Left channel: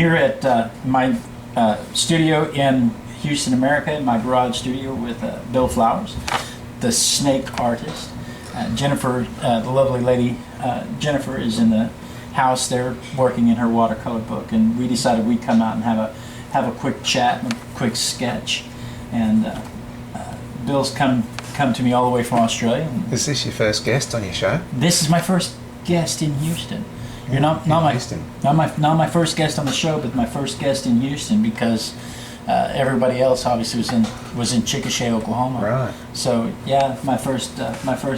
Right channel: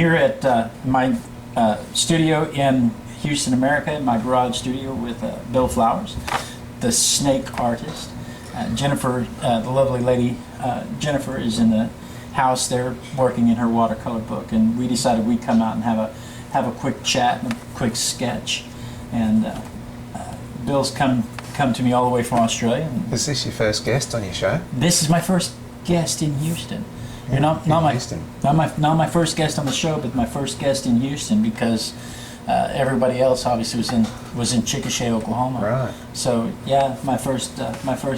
here at my studio in Houston, America, in my garage studio with Bill Flowers, the snake artist. Jennifer, the lovely lady, Jennifer is in the house there working in her watercolor book, and we decided we'd come out and have a quick chat and a quick sketch. And Bill's come to me all the way from Australia. Is this your first guest on your show? This is my first guest in Houston. Yeah, You're not Houston. not my first guest on the show, but my first guest in Houston, because everybody else obviously was in Chickasha, Oklahoma. Right. So yeah, my first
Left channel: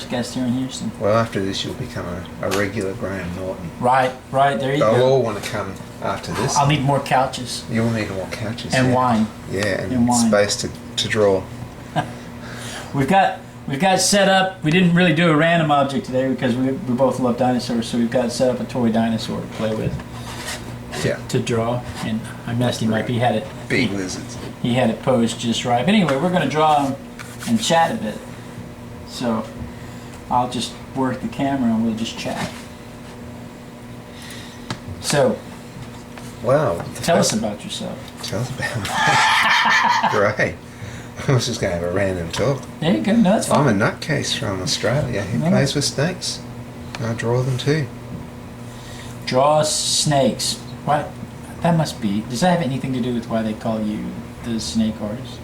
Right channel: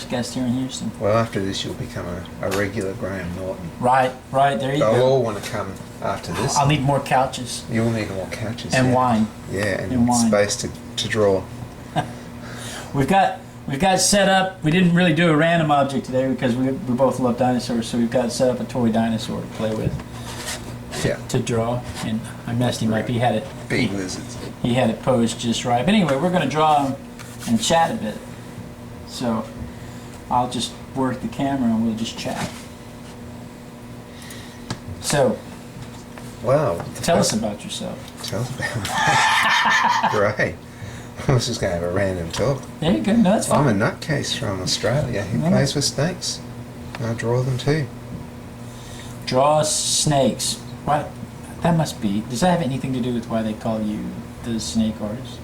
guest here in Houston. Well, after this, you'll become a regular Graham Norton. Right. There you They'll go. all want to come after this. I'll need more couches You'll need more couches. and yeah. wine. Yeah, And wine. space to draw. We've got set up. We didn't really do a random object today because we both love dinosaurs, so we've got set up a toy dinosaur to play with. Yeah. To draw, and I messed him up. He had it. Big lizards. He had it posed just right. But anyway, we're going to draw him and chat a bit. So I'll just work the camera and we'll just chat. So, Wow. tell us about yourself. Tell us about me. Great. I was just going to have a random talk. There you go. No, that's fine. I'm a nutcase from Australia who No. plays with snakes. I draw them too. Draw snakes. What? That must be. Does that have anything to do with why they call you the snake artist?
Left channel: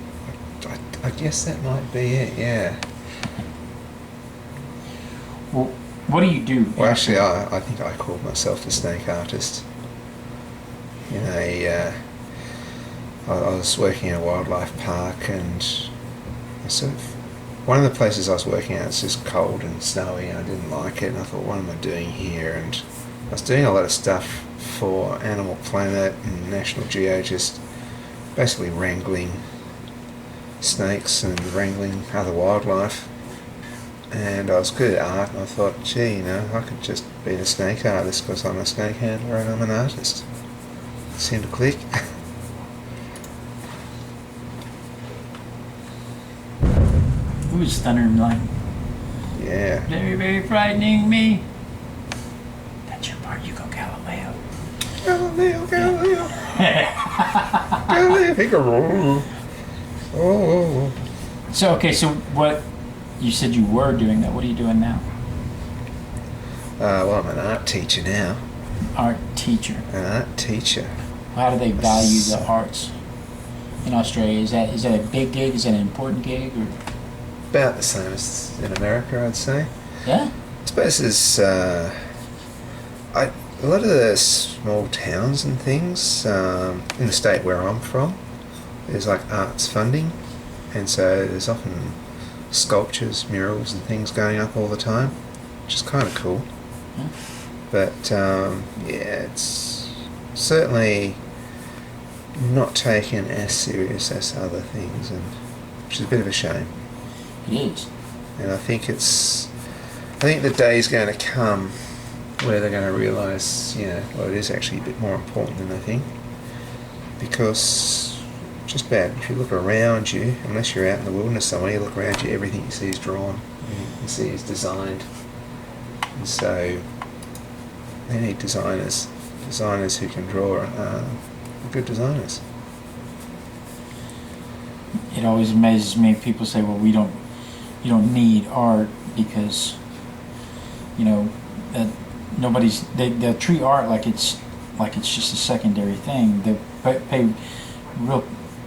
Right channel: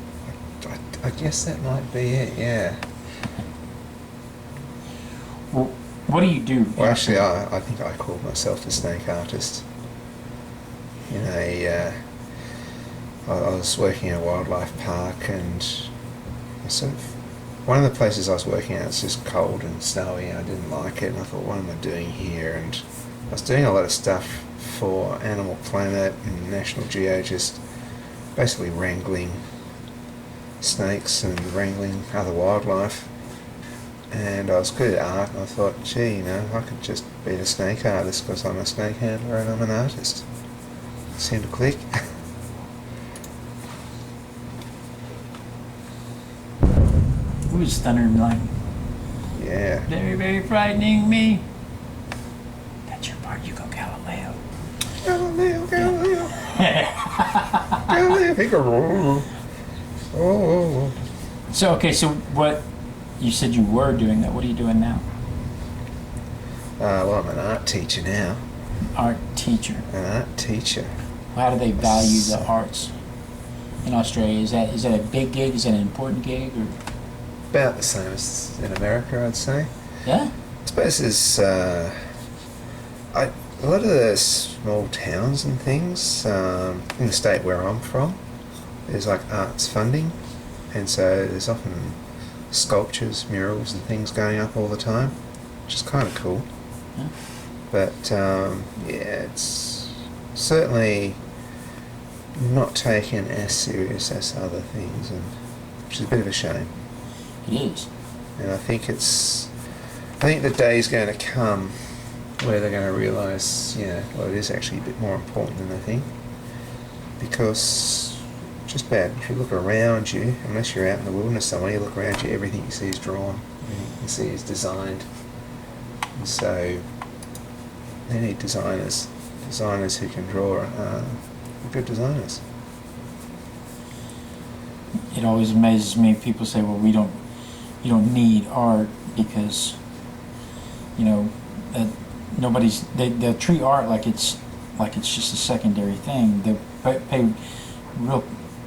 I guess that might be it, yeah. Well, what do you do? Well, actually, I think I called myself the snake artist. You know, I was working in a wildlife park, and one of the places I was working at was just cold and snowy, and I didn't like it, and I thought, what am I doing here? And I was doing a lot of stuff for Animal Planet and National Geo, just basically wrangling snakes and wrangling other wildlife. And I was good at art, and I thought, gee, I could just be the snake artist because I'm a snake handler and I'm an artist. It seemed to click. Who's thunder and lightning? Yeah. Very, very frightening me. That's your part. You go, Galileo. Galileo. Galileo, Figaro. Oh. So, okay, so what, you said you were doing that. What are you doing now? Well, I'm an art teacher now. Art teacher. An art teacher. How do they value the arts in Australia? Is that a big gig? Is that an important gig? Or? About the same as in America, I'd say. Yeah? I suppose there's a lot of the small towns and things in the state where I'm from, there's like arts funding, and so there's often sculptures, murals and things going up all the time, which is kind of cool. Yeah. But yeah, it's certainly not taken as serious as other things, and which is a bit of a shame. It is. And I think the day's going to come where they're going to realise, well, it is actually a bit more important than they think. Because just about, if you look around you, unless you're out in the wilderness somewhere, you look around you, everything you see is drawn, everything you see is designed. And so they need designers who can draw, good designers. It always amazes me. People say, well, you don't need art because, that they'll treat art like it's just a secondary thing. They pay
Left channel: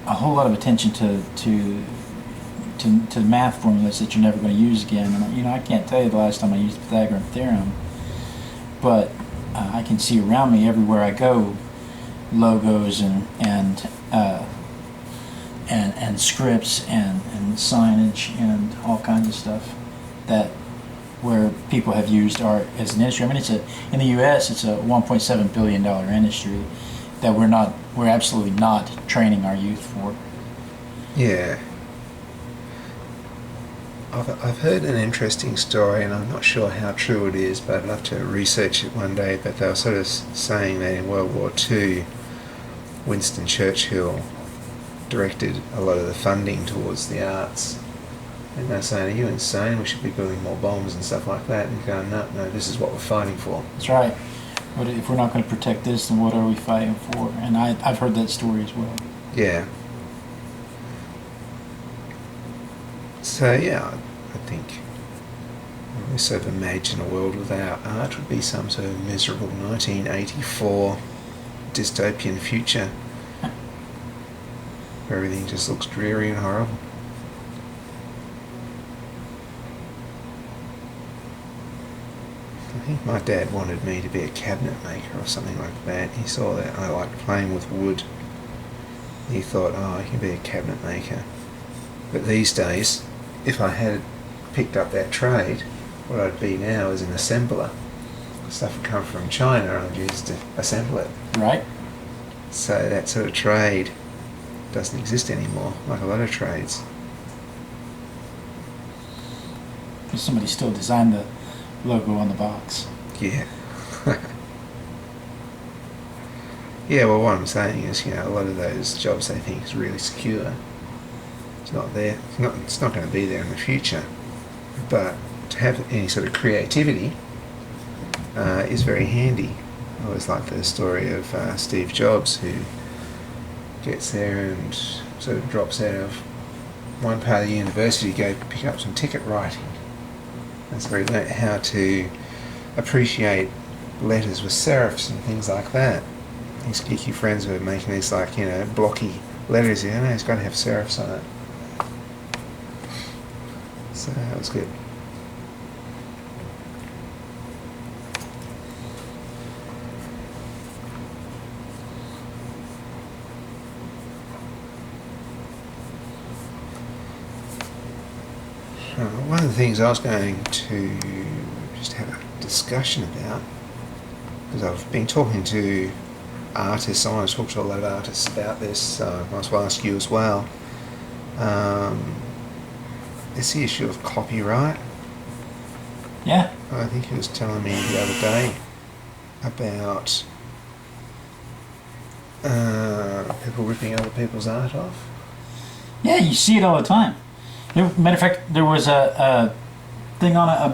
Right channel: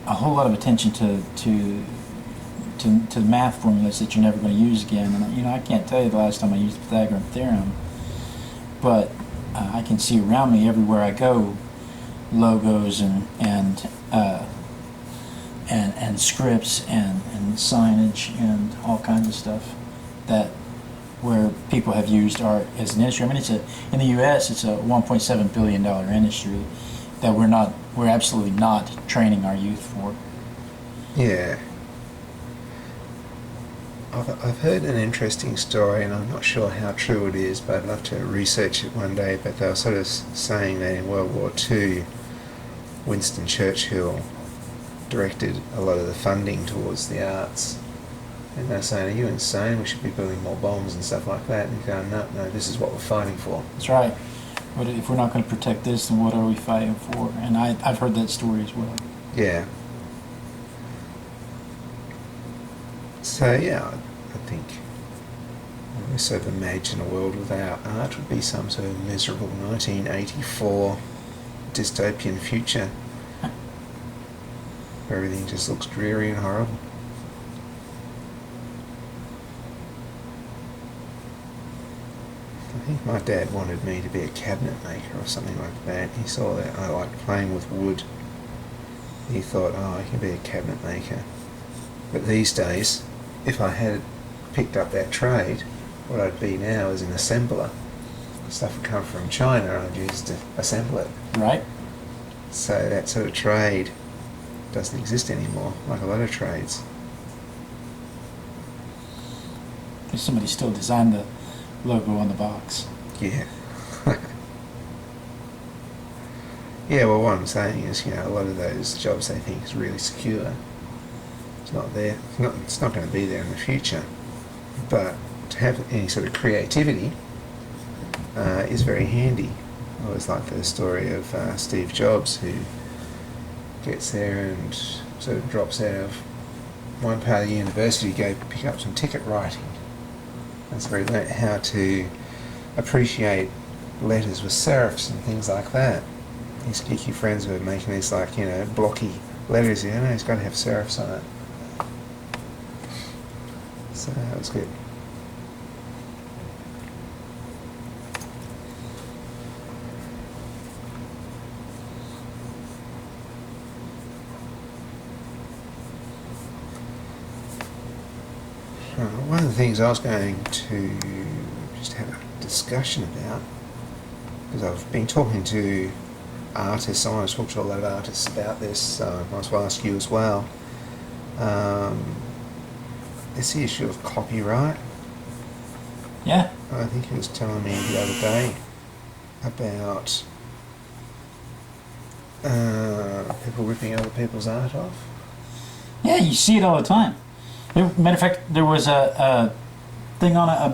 a whole lot of attention to the math formulas that you're never going to use again. And I can't tell you the last time I used the Pythagorean theorem, but I can see around me everywhere I go logos and scripts and signage and all kinds of stuff where people have used art as an industry. I mean, in the U.S. it's a $1.7 billion industry that we're absolutely not training our youth for. Yeah. I've heard an interesting story, and I'm not sure how true it is, but I'd love to research it one day. But they were sort of saying that in World War II, Winston Churchill directed a lot of the funding towards the arts. And they're saying, are you insane? We should be building more bombs and stuff like that. And he's going, no, this is what we're fighting for. That's right. What if we're not going to protect this, then what are we fighting for? And I've heard that story as well. Yeah. So yeah, I think we sort of imagine a world without art would be some sort of miserable 1984 dystopian future where everything just looks dreary and horrible. I think my dad wanted me to be a cabinet maker or something like that. He saw that I liked playing with wood. He thought, oh, I can be a cabinet maker. But these days, if I had picked up that trade, what I'd be now is an assembler. Stuff would come from China and I'd use to assemble it. Right. So that sort of trade doesn't exist anymore, like a lot of trades. Somebody still designed the logo on the box. Yeah. Yeah, well, what I'm saying is, a lot of those jobs they think is really secure. It's not there. It's not going to be there in the future. But to have any sort of creativity is very handy. I always like the story of Steve Jobs, who gets there and sort of drops out of one part of the university to go pick up some ticket writing. That's where he learnt how to appreciate letters with serifs and things like that. His geeky friends were making these blocky letters. He's got to have serifs on it. So that was good. One of the things I was going to just have a discussion about, because I've been talking to artists, I want to talk to a lot of artists about this, so I might as well ask you as well. It's the issue of copyright. Yeah. I think he was telling me the other day about people ripping other people's art off. Yeah, you see it all the time. Matter of fact, there was a thing there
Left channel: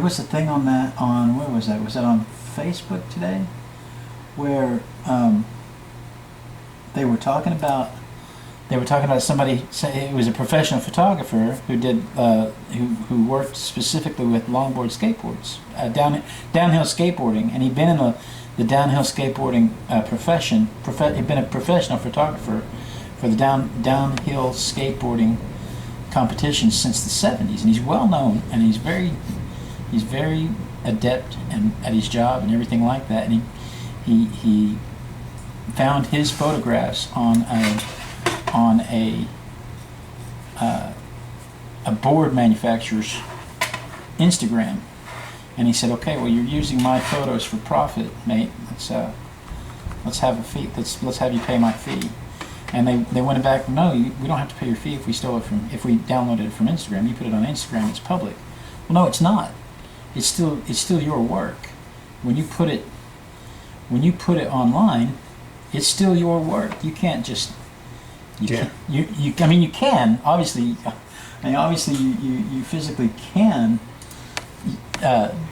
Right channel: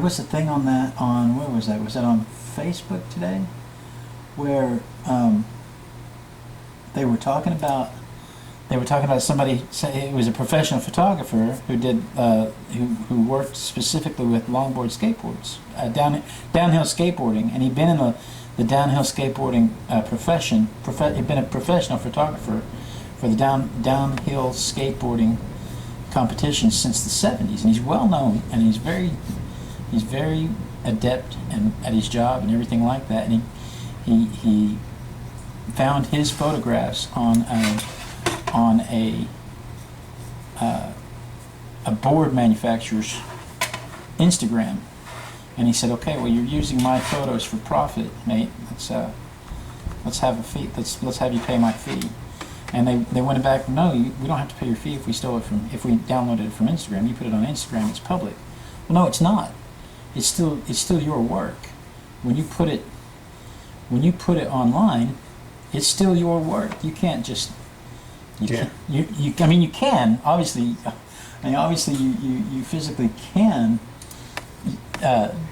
was a thing on that on where was that? Was that on Facebook today? Where they were talking about somebody. It was a professional photographer who did who worked specifically with longboard skateboards, downhill skateboarding, and he'd been in the downhill skateboarding profession. He'd been a professional photographer for the downhill skateboarding competitions since the 70s, and he's well known, and he's very adept at his job and everything like that. And he found his photographs on a board manufacturer's Instagram, and he said, "Okay, well, you're using my photos for profit, mate. Let's have a fee. Let's have you pay my fee." And they went back, "No, we don't have to pay your fee if we downloaded it from Instagram. You put it on Instagram, it's public." Well, no, it's not. It's still your work. When you put it online, it's still your work. You can't just you can obviously. Obviously you physically can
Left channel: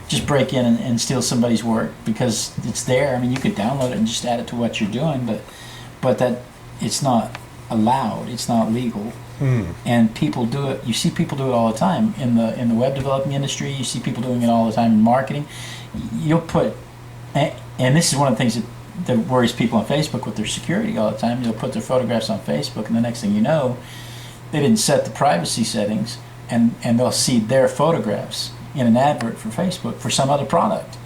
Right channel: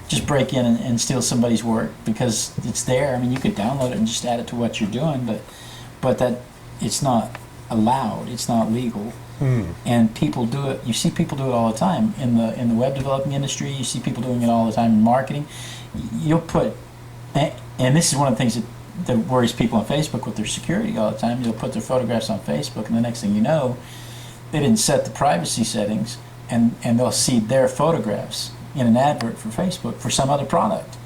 just break in and steal somebody's work because it's there. You could download it and just add it to what you're doing, but that it's not allowed. It's not legal. And people do it. You see people do it all the time in the web developing industry. You see people doing it all the time in marketing. You'll put, and this is one of the things that worries people on Facebook with their security all the time. You'll put their photographs on Facebook, and the next thing you know, they didn't set the privacy settings, and they'll see their photographs in an advert for Facebook for some other product,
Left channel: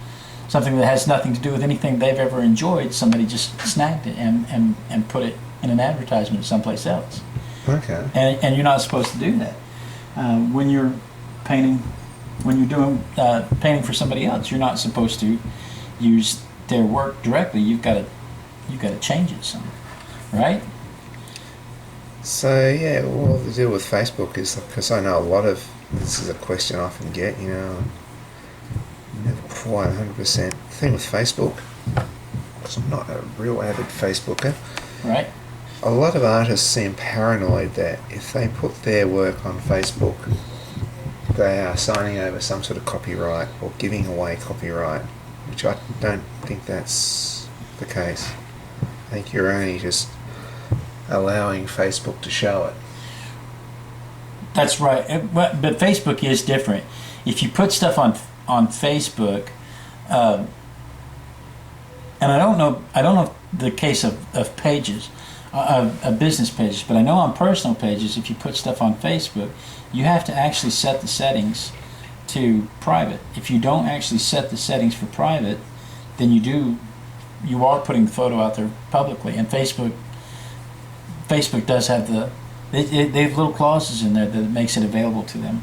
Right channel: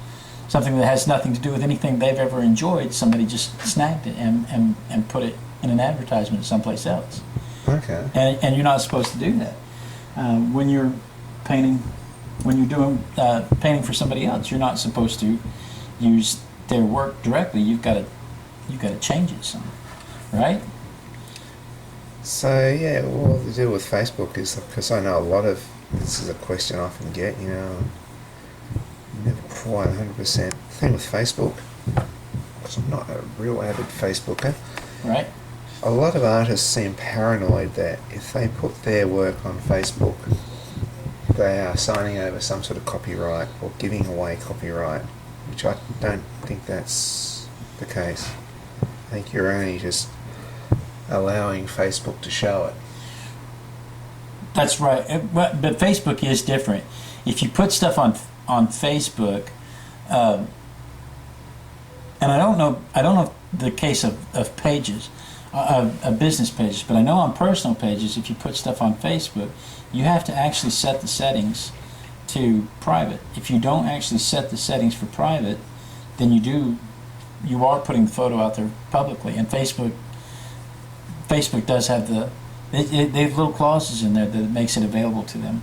something that has nothing to do with anything they've ever enjoyed. Somebody just snagged it and put it in an advertisement someplace else. Okay. And you're not supposed to do that. When you're painting, when you're doing painting for somebody else, you're not supposed to use their work directly. You've got to change it some, right? So yeah, well, the deal with Facebook is, because I know a lot of, this is a question I often get, never quite 100%. The thing with Facebook, because I'm not a real avid Facebooker, right? A lot of artists seem paranoid that if they put their work on Facebook, they are signing over some sort of copyright or giving away copyright, which I don't think that's the case. I think you're only just allowing Facebook to show it. That's right. But Facebook is different. If you put stuff on Facebook, and I don't know the case of pages, of business pages, but I know on personal pages, if you put stuff on Facebook, you have to actually set the settings to private. If you don't actually set the settings for private, then you are putting the photo out there publicly. And Facebook does have they have little clauses in there that makes it available to them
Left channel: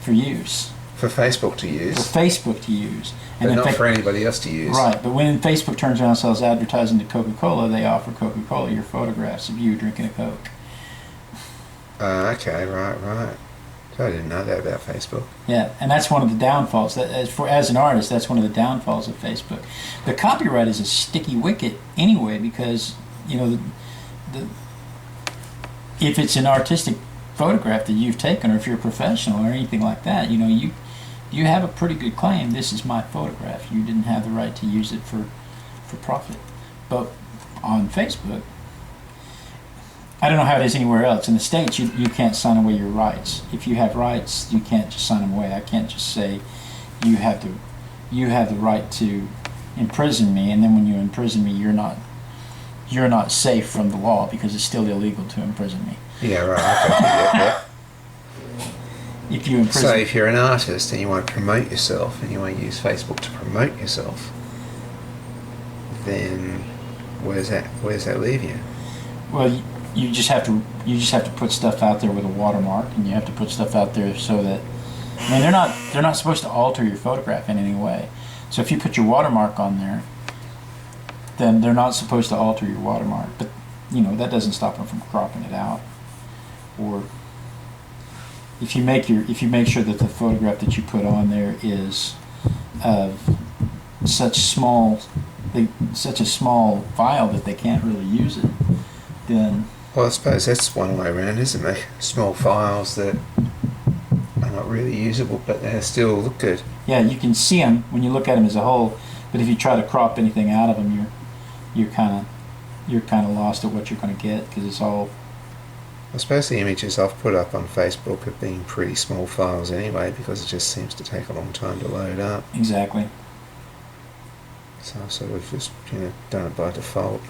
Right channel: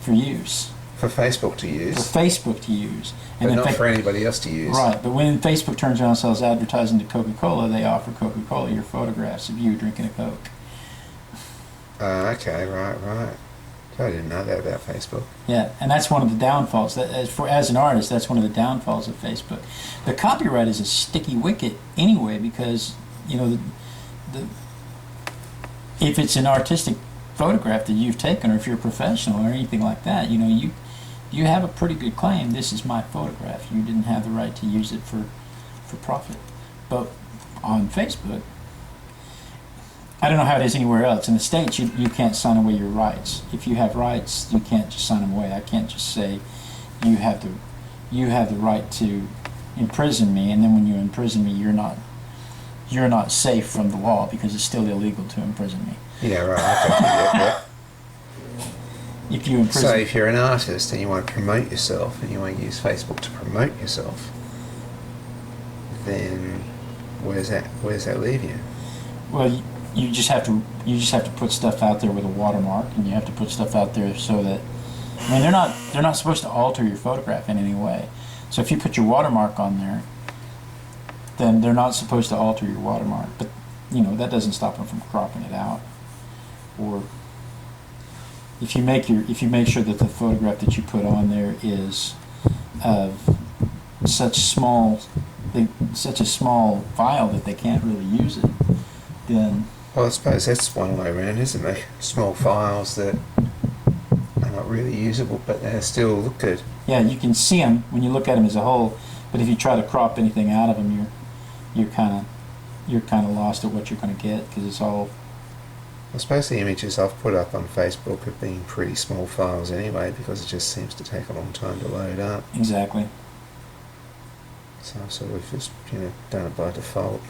for use. For Facebook to use? For Facebook to use. And but not for anybody else to use. Right, but when Facebook turns around and sells advertising to Coca-Cola, they offer Coca-Cola your photographs of you drinking a Coke. Okay, right. So I didn't know that about Facebook. Yeah, and that's one of the downfalls. As an artist, that's one of the downfalls of Facebook. The copyright is a sticky wicket anyway, because if it's an artistic photograph that you've taken, or if you're a professional or anything like that, you have a pretty good claim. This is my photograph. You didn't have the right to use it for profit. But on Facebook, I don't know how it is anywhere else. In the States, you can't sign away your rights. If you have rights, you can't just sign them away. I can't just say you have the right to imprison me, and then when you imprison me, you're not safe from the law because it's still illegal to imprison me. Yeah, right. Okay. Yeah. If you imprison So if you're an artist and you want to promote yourself and you want to use Facebook to promote yourself, then where's that leave you? Well, you just have to put stuff out there with a watermark, and you have to put stuff out there so that, I mean, they're not supposed to alter your photograph in any way. So if you put your watermark on there, then they're not supposed to alter your watermark. But that doesn't stop them from cropping it out. Or if you make sure that the photograph that you put on there is of such a small file that they can't really use it, then. Well, I suppose that's one way around, isn't it? Small files that are not really usable, but they still look good. Yeah, you can see them when you look at them as a whole, but if you try to crop anything out of them, you're kind of lost at what you're going to get, because it's all. I suppose the images I've put up on Facebook have been pretty small files anyway, because it just seems to take a long time to load up. Exactly. So I've sort of just done it by default.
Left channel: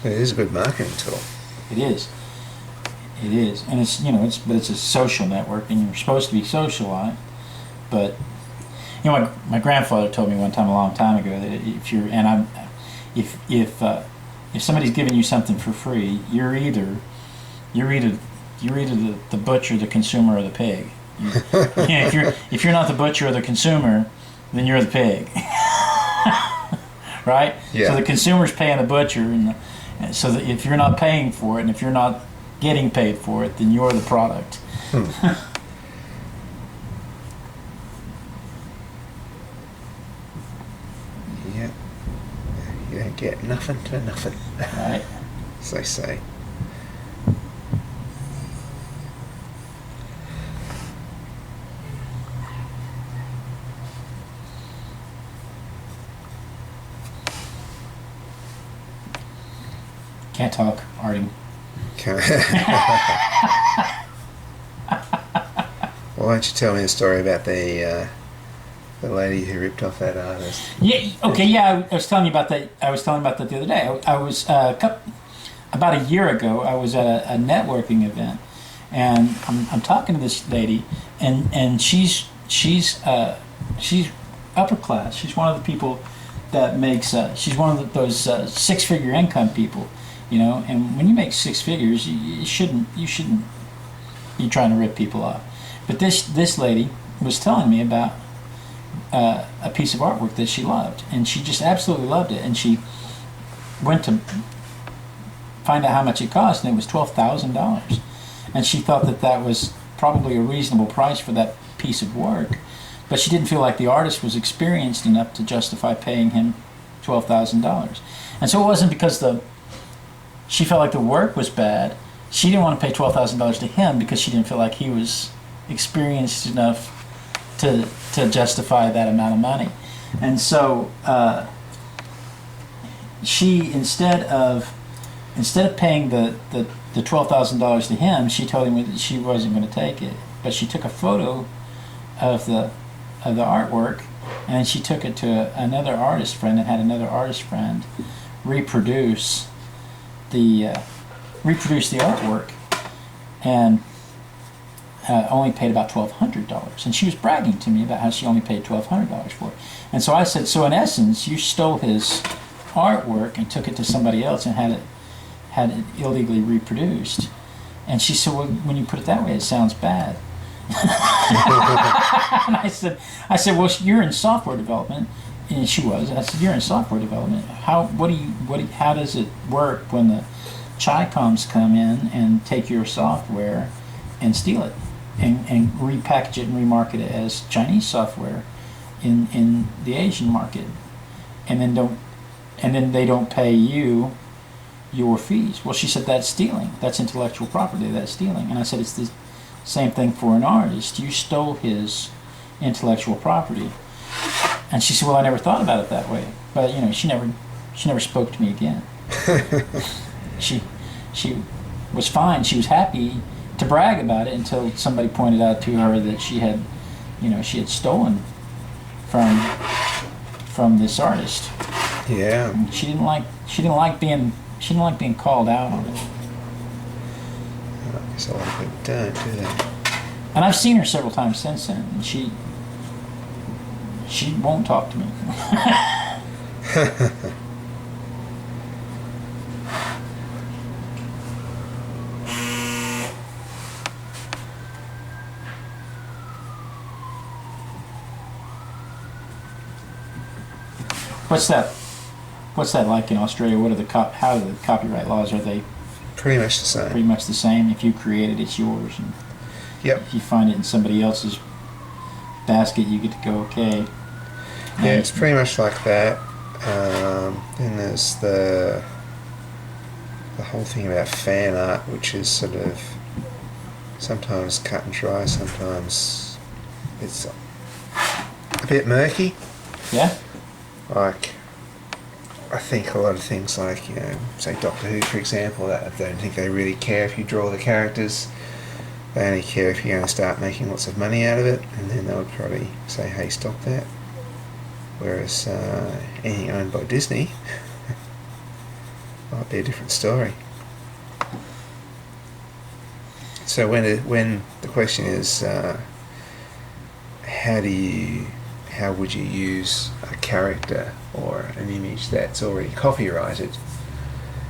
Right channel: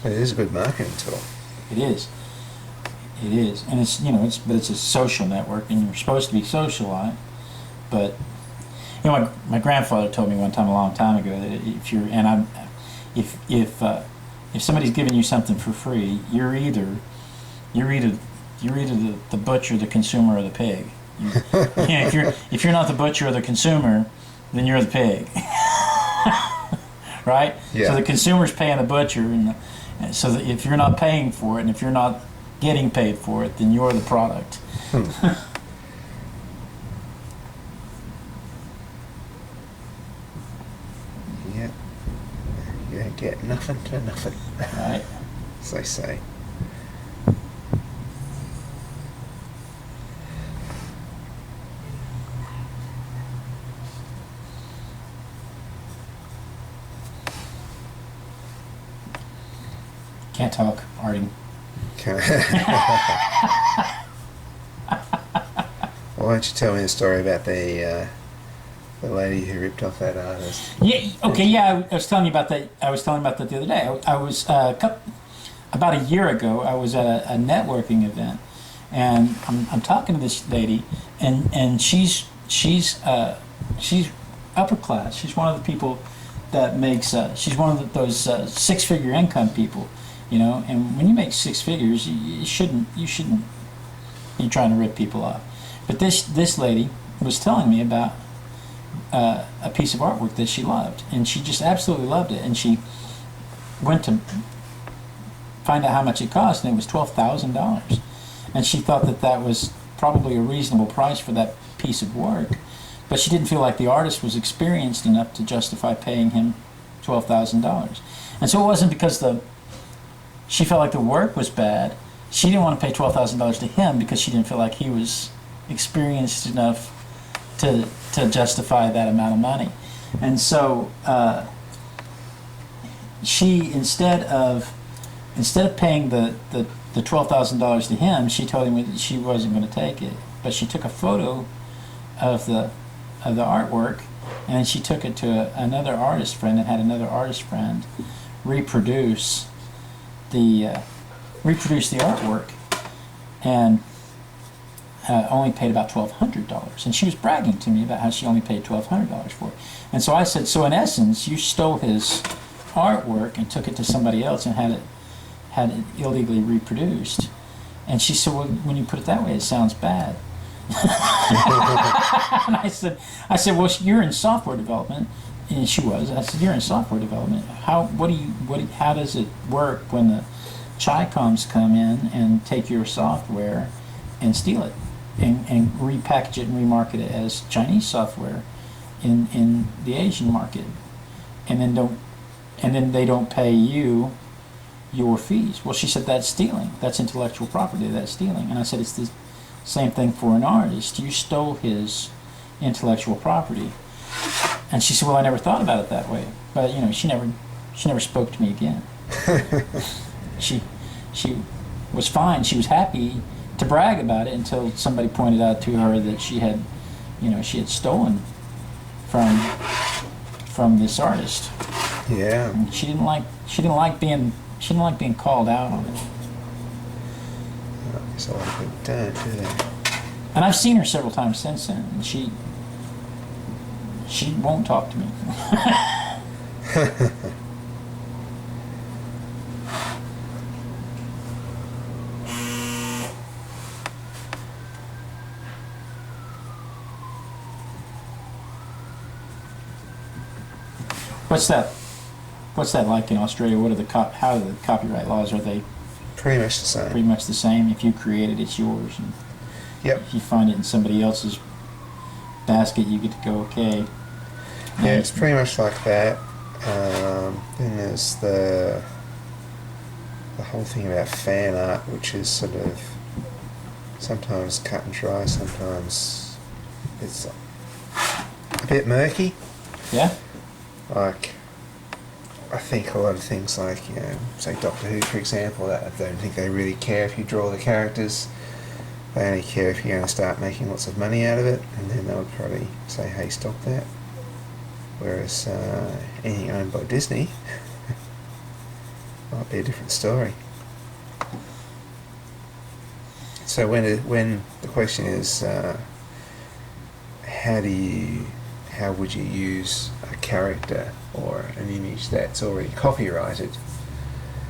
But it is a good marketing tool. It is, and it's a social network, and you're supposed to be socialized. But my grandfather told me one time, a long time ago, that if somebody's giving you something for free, you're either the butcher, the consumer, or the pig. If you're not the butcher or the consumer, then you're the pig. Right? Yeah. So the consumer's paying the butcher, and so that if you're not paying for it, and if you're not getting paid for it, then you're the product. Yeah. You don't get nothing to nothing. Right. As they say. Can't talk, Artie. Okay. Well, why don't you tell me the story about the lady who ripped off that artist? Yeah. Okay. Yeah. I was telling you about that. I was telling you about that the other day. I was about a year ago. I was at a networking event, and I'm talking to this lady, and she's upper class. She's one of the people that makes. She's one of those 6-figure income people. And when you make 6 figures, you shouldn't be trying to rip people off. But this lady was telling me about a piece of artwork that she loved, and she just absolutely loved it. And she went to find out how much it cost, and it was $12,000. And she thought that was probably a reasonable price for that piece of work, but she didn't feel like the artist was experienced enough to justify paying him $12,000. And so it wasn't because she felt like the work was bad. She didn't want to pay $12,000 to him because she didn't feel like he was experienced enough to justify that amount of money. And so she, instead of paying the $12,000 to him, she told him that she wasn't going to take it. But she took a photo of the artwork, and she took it to another artist friend, and had another artist friend reproduce the artwork, and only paid about $1,200. And she was bragging to me about how she only paid $1,200 for it. And so I said, so in essence, you stole his artwork and took it to somebody else and had it illegally reproduced. And she said, well, when you put it that way, it sounds bad. And I said, well, you're in software development. And she was. I said, you're in software development. How does it work when the Chi-Coms come in and take your software and steal it and repackage it and remarket it as Chinese software in the Asian market, and then they don't pay you your fees? Well, she said, that's stealing. That's intellectual property. That's stealing. And I said, it's the same thing for an artist. You stole his intellectual property. And she said, well, I never thought about it that way. But she never spoke to me again. She was fine. She was happy to brag about it until somebody pointed out to her that she had stolen from this artist. Yeah. And she didn't like being called out on it. I guess a lot of people don't, do they? And I've seen her several times since then, and she won't talk to me. What's that like in Australia? How are the copyright laws? Are they Pretty much the same. pretty much the same? If you create it, it's yours, and Yep. if you find it in somebody else's basket, you get to go, okay. Yeah, it's pretty much like that. Then there's the whole thing about fan art, which is sort of sometimes cut and dry, sometimes it's a bit murky. Yeah? Like, I think a lot of things like, say Doctor Who, for example, I don't think they really care if you draw the characters. They only care if you're going to start making lots of money out of it, and then they would probably say, hey, stop that. Whereas anything owned by Disney might be a different story. So when the question is, how would you use a character or an image that's already copyrighted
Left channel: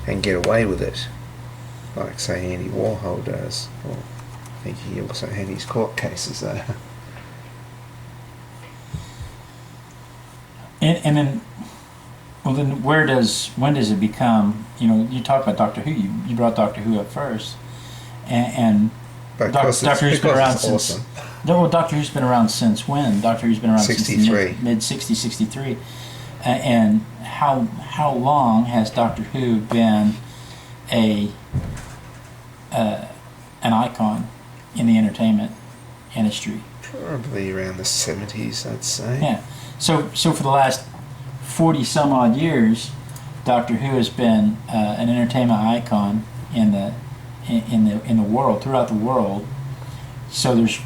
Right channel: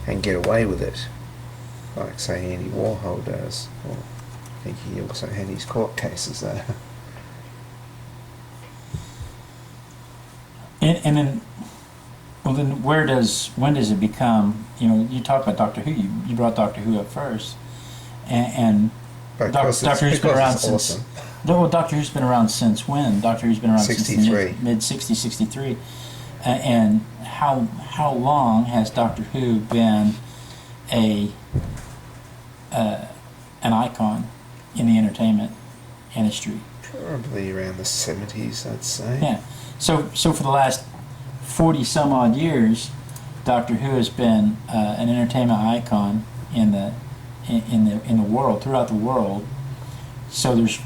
and get away with it, like say Andy Warhol does, or I think he also had his court cases there. And then, well, then when does it become? You talk about Doctor Who. You brought Doctor Who up first, and Doctor Who's been around since. Awesome. No, Doctor Who's been around since when? Doctor Who's been around 63. since mid '60s, '63. And how long has Doctor Who been an icon in the entertainment industry? Probably around the 70s, I'd say. Yeah. So for the last 40 some odd years, Doctor Who has been an entertainment icon in the world, throughout the world. So there's,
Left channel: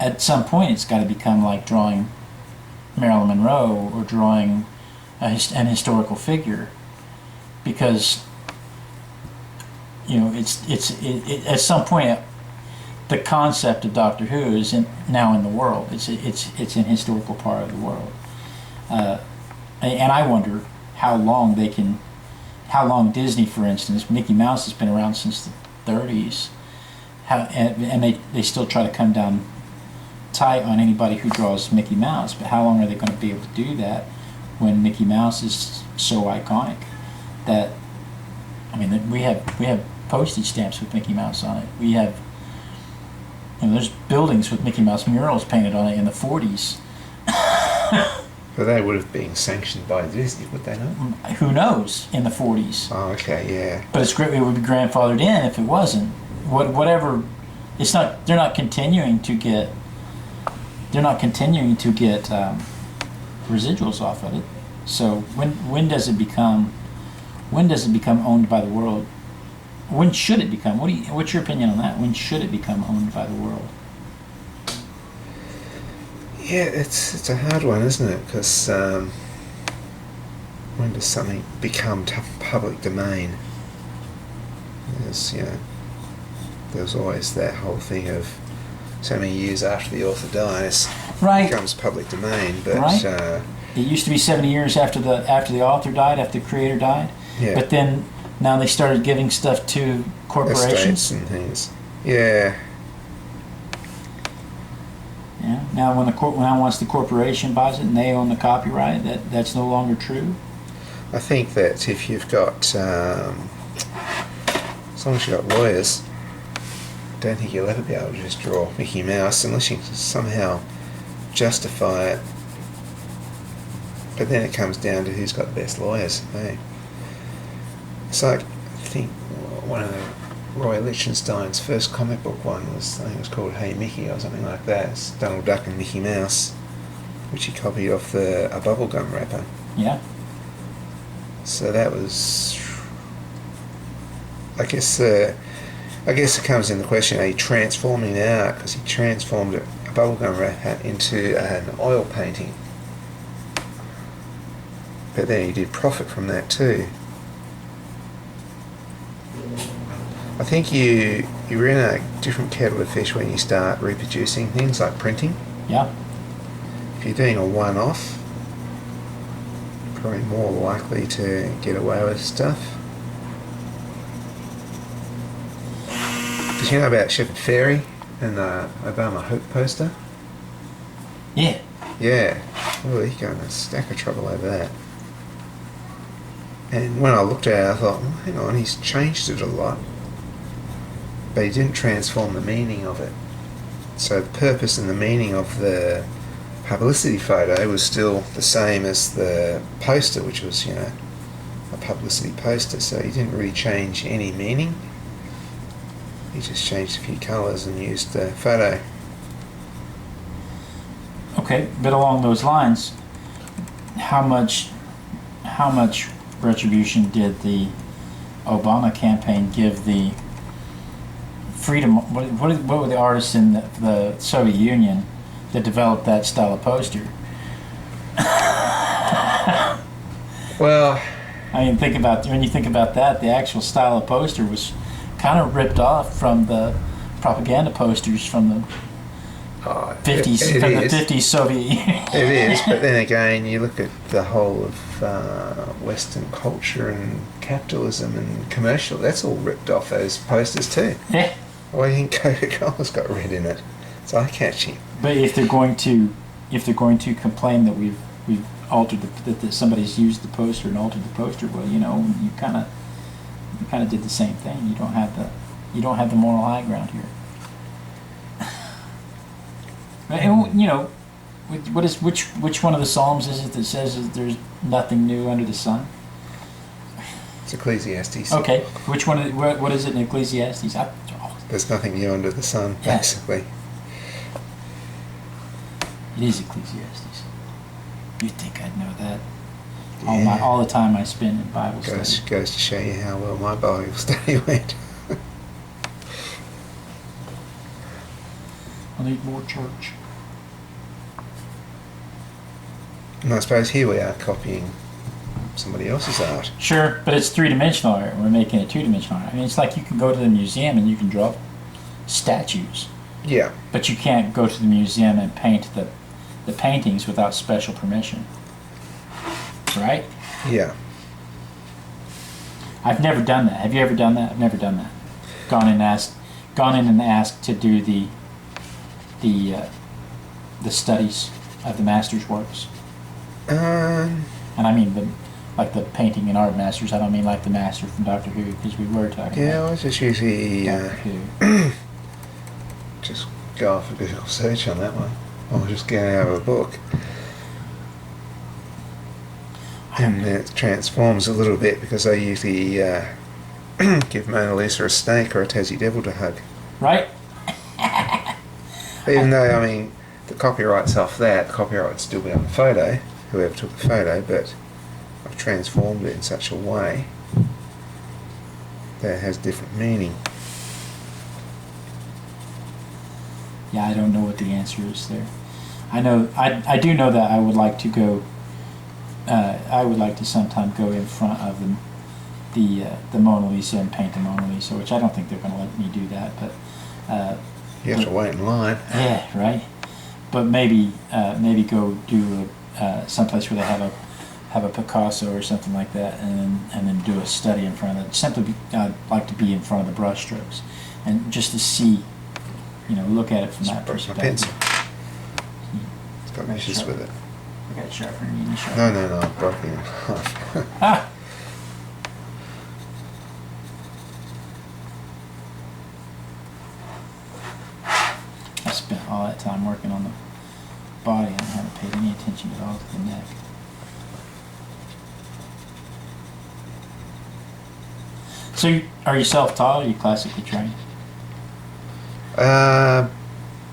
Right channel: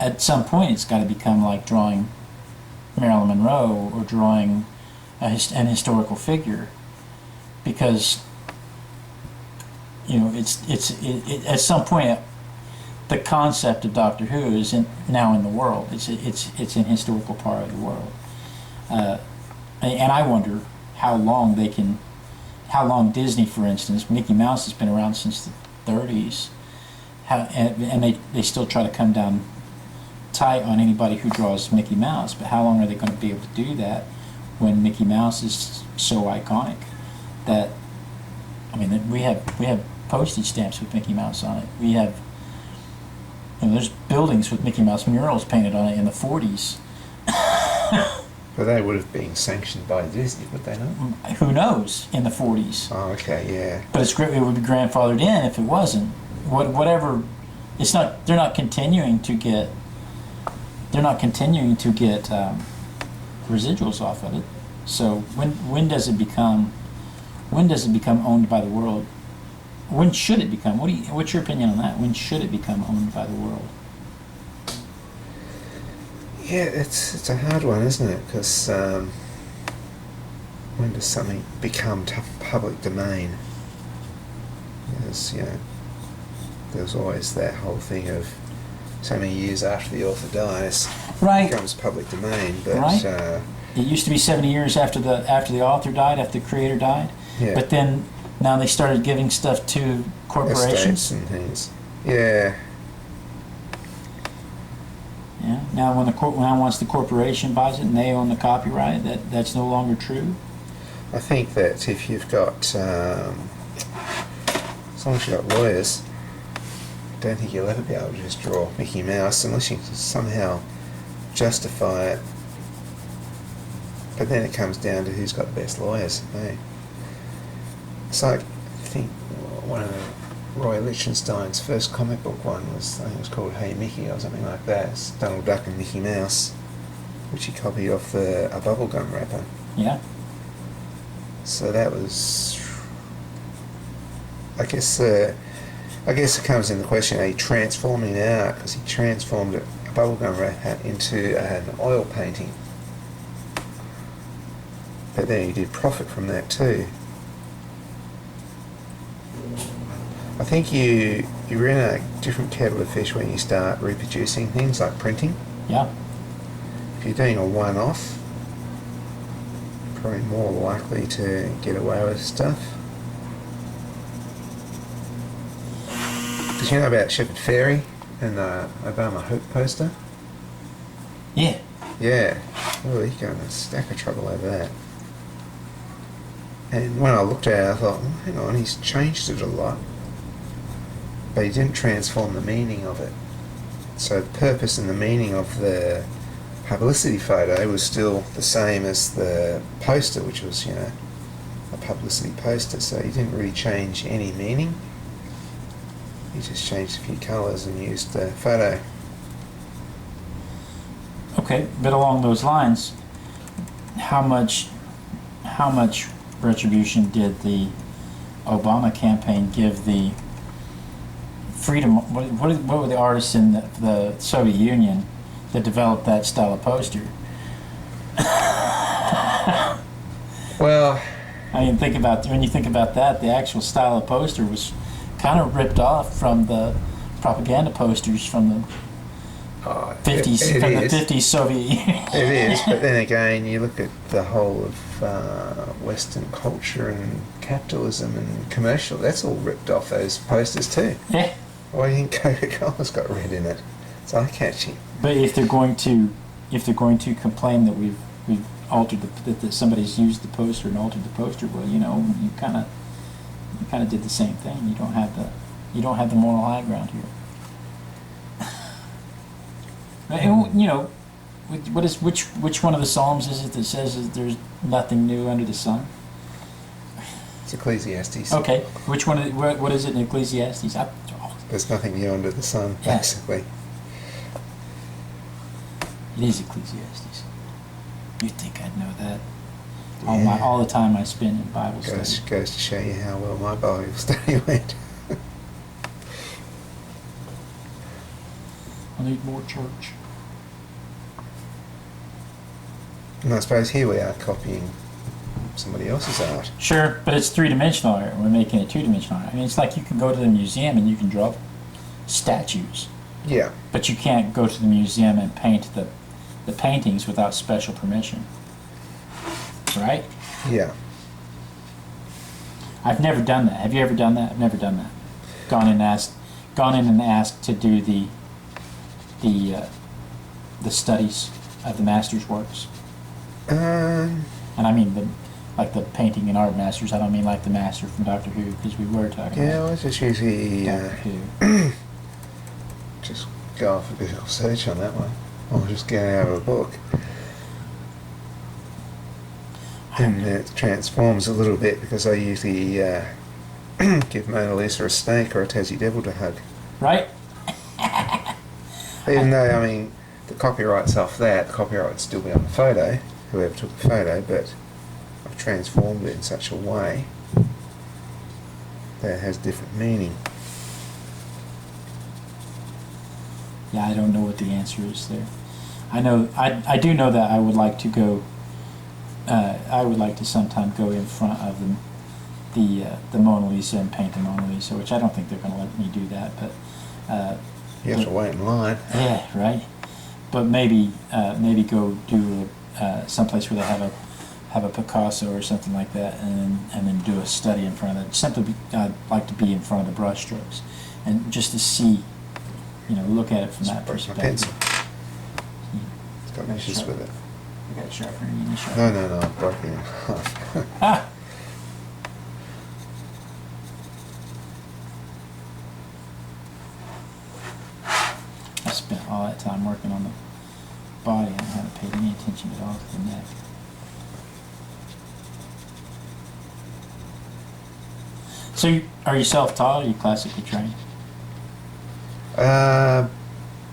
at some point, it's got to become like drawing Marilyn Monroe or drawing an historical figure, because it's at some point the concept of Doctor Who is now in the world. It's an historical part of the world, and I wonder how long Disney, for instance, Mickey Mouse has been around since the 30s, and they still try to come down tight on anybody who draws Mickey Mouse. But how long are they going to be able to do that when Mickey Mouse is so iconic that, I mean, we have postage stamps with Mickey Mouse on it. We have, there's buildings with Mickey Mouse murals painted on it in the 40s. But they would have been sanctioned by Disney, would they not? Who knows in the 40s? Oh, okay, yeah. But it's great. It would be grandfathered in if it wasn't. Whatever. It's not. They're not continuing to get. They're not continuing to get residuals off of it. So when does it become? When does it become owned by the world? When should it become? What's your opinion on that? When should it become owned by the world? Yeah, it's a hard one, isn't it? Because when does something become public domain? There's always that whole thing of so many years after the author dies, Right. it becomes public domain. But Right. It used to be 70 years after the author died, after the creator died. yeah, But then now they started giving stuff to corporations. estates and things. Yeah, Yeah. Now once the corporation buys it and they own the copyright, that's no longer true. I think that if you've got, as long as you've got lawyers, I don't think you'll ever be able to just draw Mickey Mouse unless you can somehow justify it. But then it comes down to who's got the best lawyers. Eh? It's like, I think one of Roy Lichtenstein's first comic book one was, I think it was called Hey Mickey or something like that. It's Donald Duck and Mickey Mouse, which he copied off a bubblegum wrapper. Yeah. So that was, I guess it comes in the question, are you transforming it out? Because he transformed a bubblegum wrapper into an oil painting. But then he did profit from that too. I think you're in a different kettle of fish when you start reproducing things like printing. Yeah. If you're doing a one-off, you're probably more likely to get away with stuff. Did you know about Shepard Fairey and the Obama Hope poster? Yeah. Yeah. Oh, he got in a stack of trouble over that. And when I looked at it, I thought, well, hang on, he's changed it a lot. But he didn't transform the meaning of it. So the purpose and the meaning of the publicity photo was still the same as the poster, which was, a publicity poster. So he didn't really change any meaning. He just changed a few colours and used the photo. Okay, but along those lines, how much retribution did the Obama campaign give the freedom? What were the artists in the Soviet Union that developed that style of poster? Well, I mean, when you think about that, the actual style of poster was kind of ripped off from the propaganda posters from the 50s, it from is. the 50s Soviet Union. It is, but then again, you look at the whole of Western culture and capitalism and commercial. That's all ripped off those posters too. Yeah. Why do you think Coca-Cola's got red in it? It's eye-catching. But if they're going to complain that we've altered that somebody's used the poster and altered the poster, well, you kind of did the same thing. You don't have the moral high ground here. And, which one of the Psalms is it that says that there's nothing new under the sun? It's Ecclesiastes. Okay, which one? What is it in Ecclesiastes? There's nothing new under the sun, Yeah. basically. It is Ecclesiastes. You'd think I'd know that. Yeah. All the time I spend in Bible study. Goes to show you how well my Bible study went. I need more church. And I suppose here we are copying somebody else's art. Sure, but it's three-dimensional art. We're making it two-dimensional art. I mean, it's like you can go to the museum and you can draw statues, Yeah. but you can't go to the museum and paint the paintings without special permission. Right? Yeah. I've never done that. Have you ever done that? I've never done that. Gone in and asked to do the studies of the master's works. Um, And I mean the painting and art masters. I don't mean like the master from Doctor Who, because we were talking yeah, I about was just usually Doctor Who. just go off a Google search on that one. Or just get out of a book. And it transforms a little bit because I usually give Mona Lisa a snake or a Tassie Devil to hug. Right? Even though, I mean, the copyright's off that, the copyright would still be on the photo, whoever took the photo, but I've transformed it in such a way that it has different meaning. Yeah, I don't know what the answer is there. I know, I do know that I would like to go, I would like to sometime go in front of the Mona Lisa and paint the Mona Lisa, which I don't think they're going to let me do that, but... You have to wait in line. Yeah, right. But maybe go do someplace where they have a Picasso or something like that, and then do a study in front of it. I'd like to be in front of the brushstrokes, and just to see, look at it from that perspective. My pencil. It's got issues with it. I got a sharpener. You need a sharpener. No, I've broken it in half. Ah. I spent all that time working on the body and I haven't paid any attention at all to the neck. So, are you self-taught or are you classically trained?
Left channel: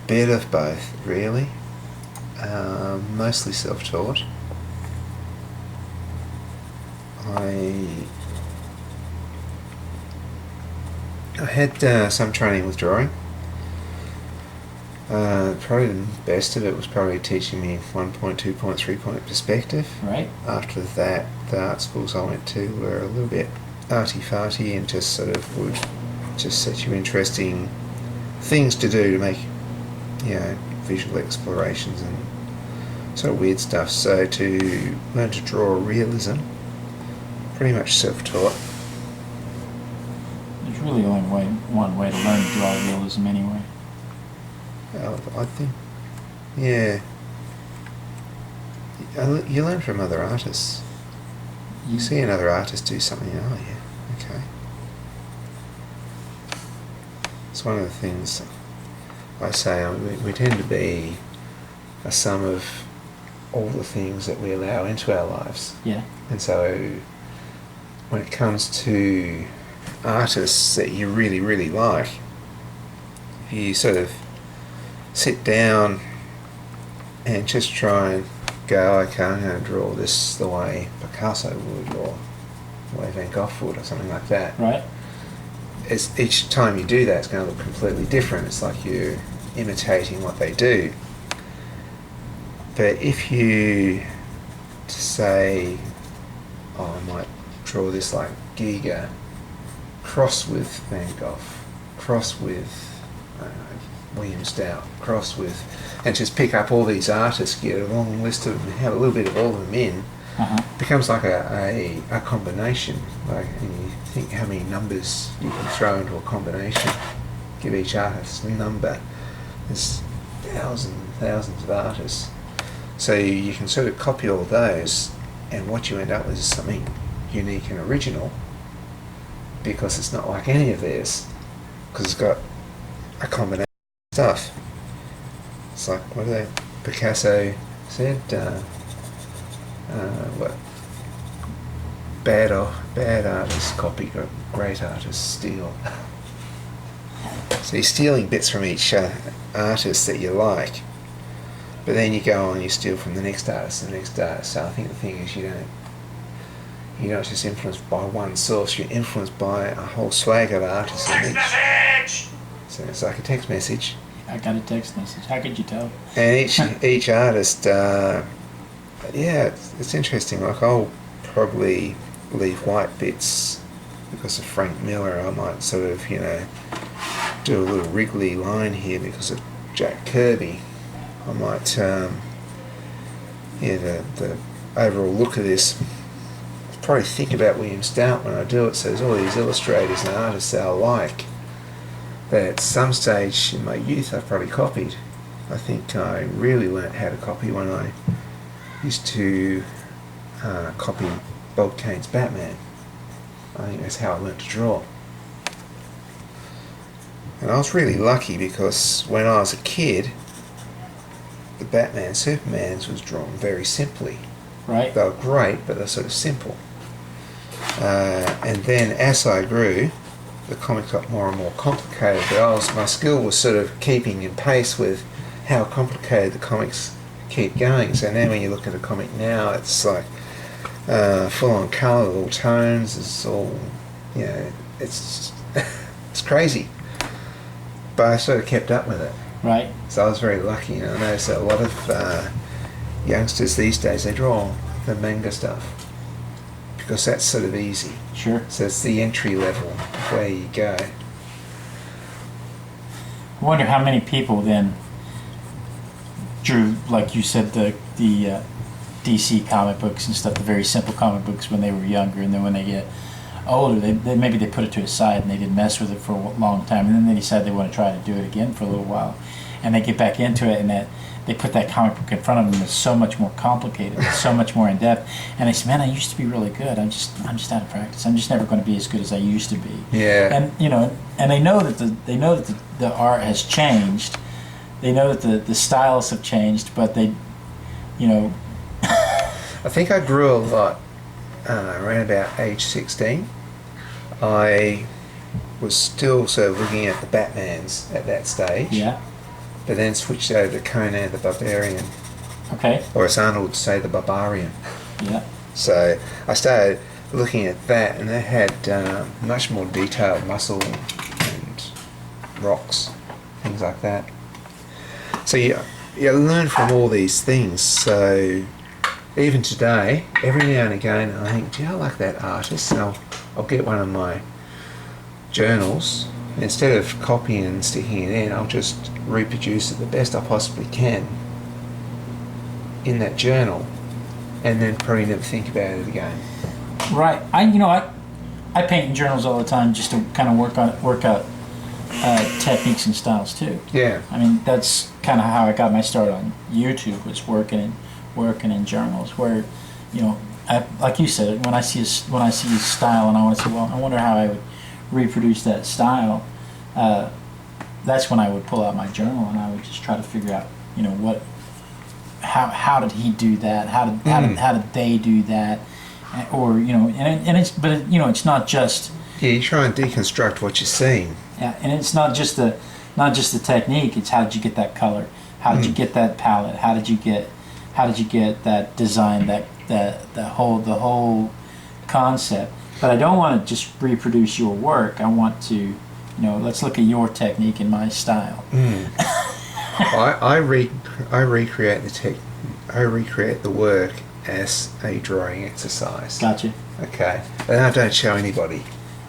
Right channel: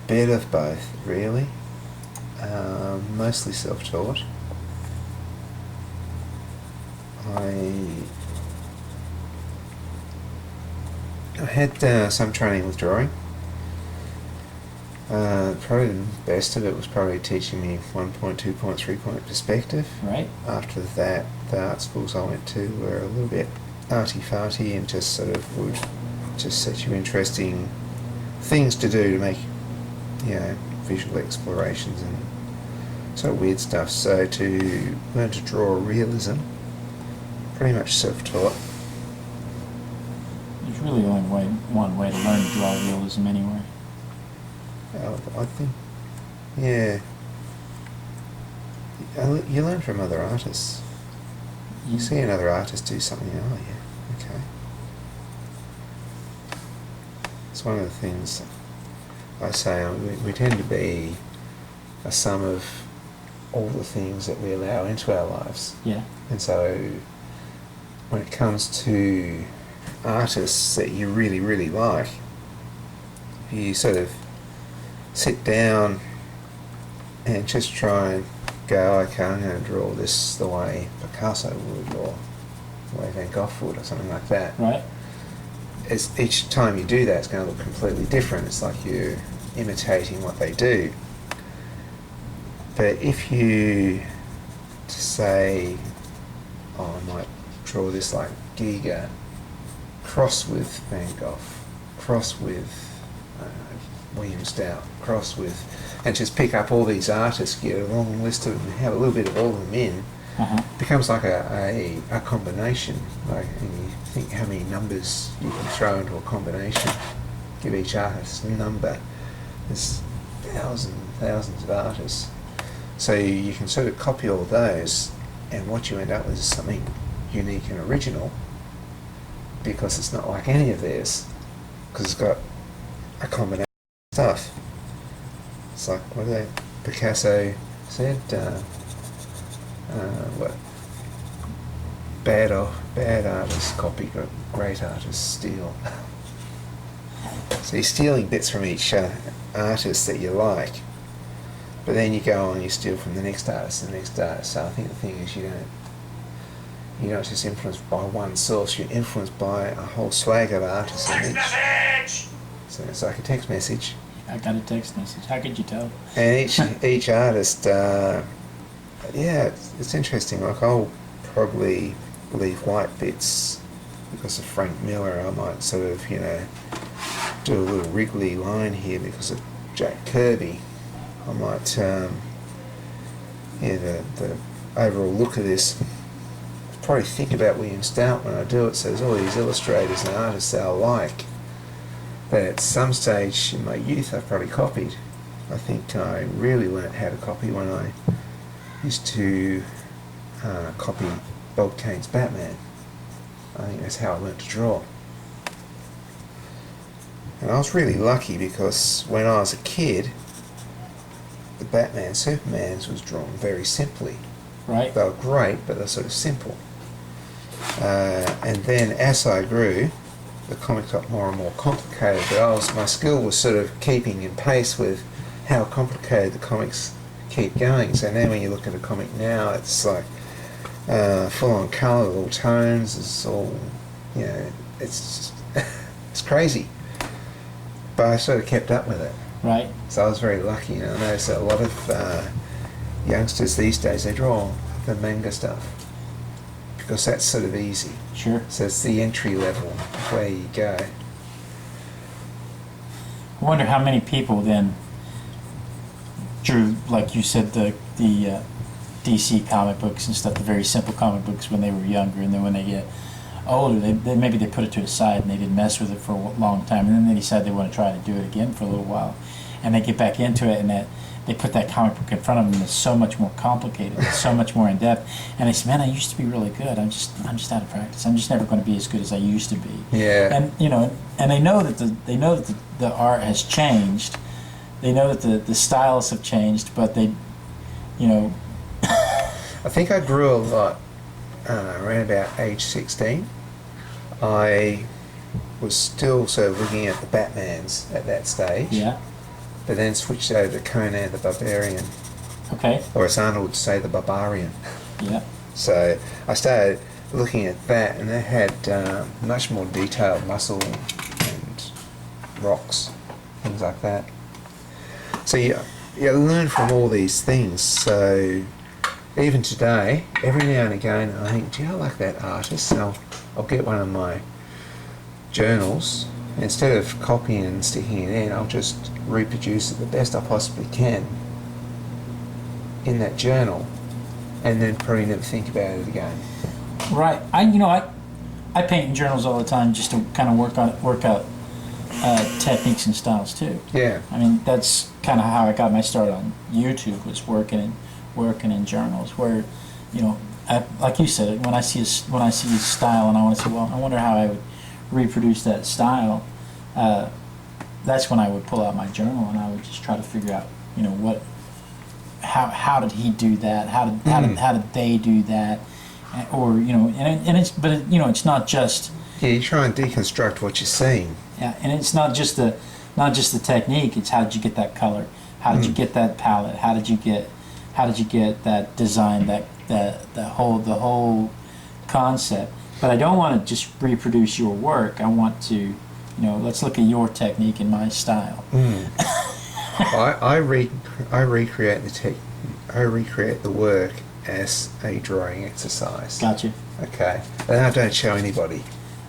Bit of both, really. Mostly self-taught. I had some training with drawing. Probably the best of it was probably teaching me 1 point, 2 point, 3 point perspective. Right. After that, the art schools I went to were a little bit arty-farty and just sort of would just set you interesting things to do to make, visual explorations and sort of weird stuff. So to learn to draw realism, pretty much self-taught. There's really only one way to learn to draw realism anyway. I think, yeah. You learn from other artists. You see another artist do something, oh yeah, okay. It's one of the things I say, we tend to be a sum of all the things that we allow into our lives. Yeah. And so when it comes to artists that you really, really like, you sort of sit down and just try and go, okay, I'm going to draw this the way Picasso would, or the way Van Gogh would, or something like that. Right. Each time you do that, it's going to look completely different. It's like you're imitating what they do. But if you say, oh, I might draw this like Giger, cross with Van Gogh, cross with William Stout, cross with, and just pick up all these artists, get a long list of them, have a little bit of all of them in, becomes like a combination. Like, and you think how many numbers you can throw into a combination, give each artist a number. There's thousands and thousands of artists. So you can sort of copy all those, and what you end up with is something unique and original, because it's not like any of theirs, because it's got a combination of stuff. It's like, what did Picasso said? What? Bad artists copy, great artists steal. So you're stealing bits from each artist that you like, but then you go on, you steal from the next artist and the next artist. So I think the thing is, you're not just influenced by one source, you're influenced by a whole swag of artists. Text message! So it's like a text message. I got a text message. How could you tell? And each artist, it's interesting. Like, I'll probably leave white bits because of Frank Miller. I might sort of, do a little wriggly line here because of Jack Kirby. I might, the overall look of this, probably think about William Stout when I do it. So there's all these illustrators and artists that I like, that at some stage in my youth I've probably copied. I think I really learnt how to copy when I used to copy Bob Kane's Batman. I think that's how I learnt to draw. And I was really lucky because when I was a kid, the Batman Supermans was drawn very simply. Right. They were great, but they're sort of simple. And then as I grew, the comics got more and more complicated. But my skill was sort of keeping in pace with how complicated the comics keep going. So now when you look at a comic now, it's like full on colour, all tones. It's all, you know, it's it's crazy. But I sort of kept up with it. Right. So I was very lucky. You know, I noticed that a lot of youngsters these days, they draw the manga stuff because that's sort of easy. Sure. So it's the entry level where you go. I wonder how many people then drew, like you said, the DC comic books and stuff, the very simple comic books when they were younger, and then when they get older, they maybe they put it to the side and they didn't mess with it for a long time, and then they decide they want to try to do it again for a little while, and they get back into it, and that they put that comic book in front of them that's so much more complicated, it's so much more in depth, and they say, "Man, I used to be really good. I'm just out of practice. I'm just never going to be as good as I used to be." Yeah. And you know, and they know that the art has changed. They know that the styles have changed, but they, you know. I think I grew a lot around about age 16. I was still sort of looking at the Batmans at that stage. Yeah. But then switched over to Conan the Barbarian. Okay. Or as Arnold would say, the Barbarian. Yeah. So I started looking at that, and they had much more detailed muscle and rocks, things like that. So you learn from all these things. So even today, every now and again, I think, do you know, like that artist? And I'll get one of my journals. Instead of copying and sticking it in, I'll just reproduce it the best I possibly can in that journal, and then probably never think about it again. Right. I paint in journals all the time just to kind of work out techniques and styles too. Yeah. I mean, that's kind of how I got my start on YouTube, was working in journals where, you know, like you said, when I see a style and I want to say, well, I wonder how I would reproduce that style. That's when I would pull out my journal and I would just try to figure out, you know, how did he do that? How did they do that? Or, you know, it's not just. Yeah, you try and deconstruct what you're seeing. Yeah, and it's not just the technique. It's how did you get that color? How did you get that palette? How did you get that design? The whole concept. But I don't want to just reproduce your work. I want to, you know, let's look at your technique and my style. I recreate the work as a drawing exercise. Gotcha. Okay, and I don't show anybody.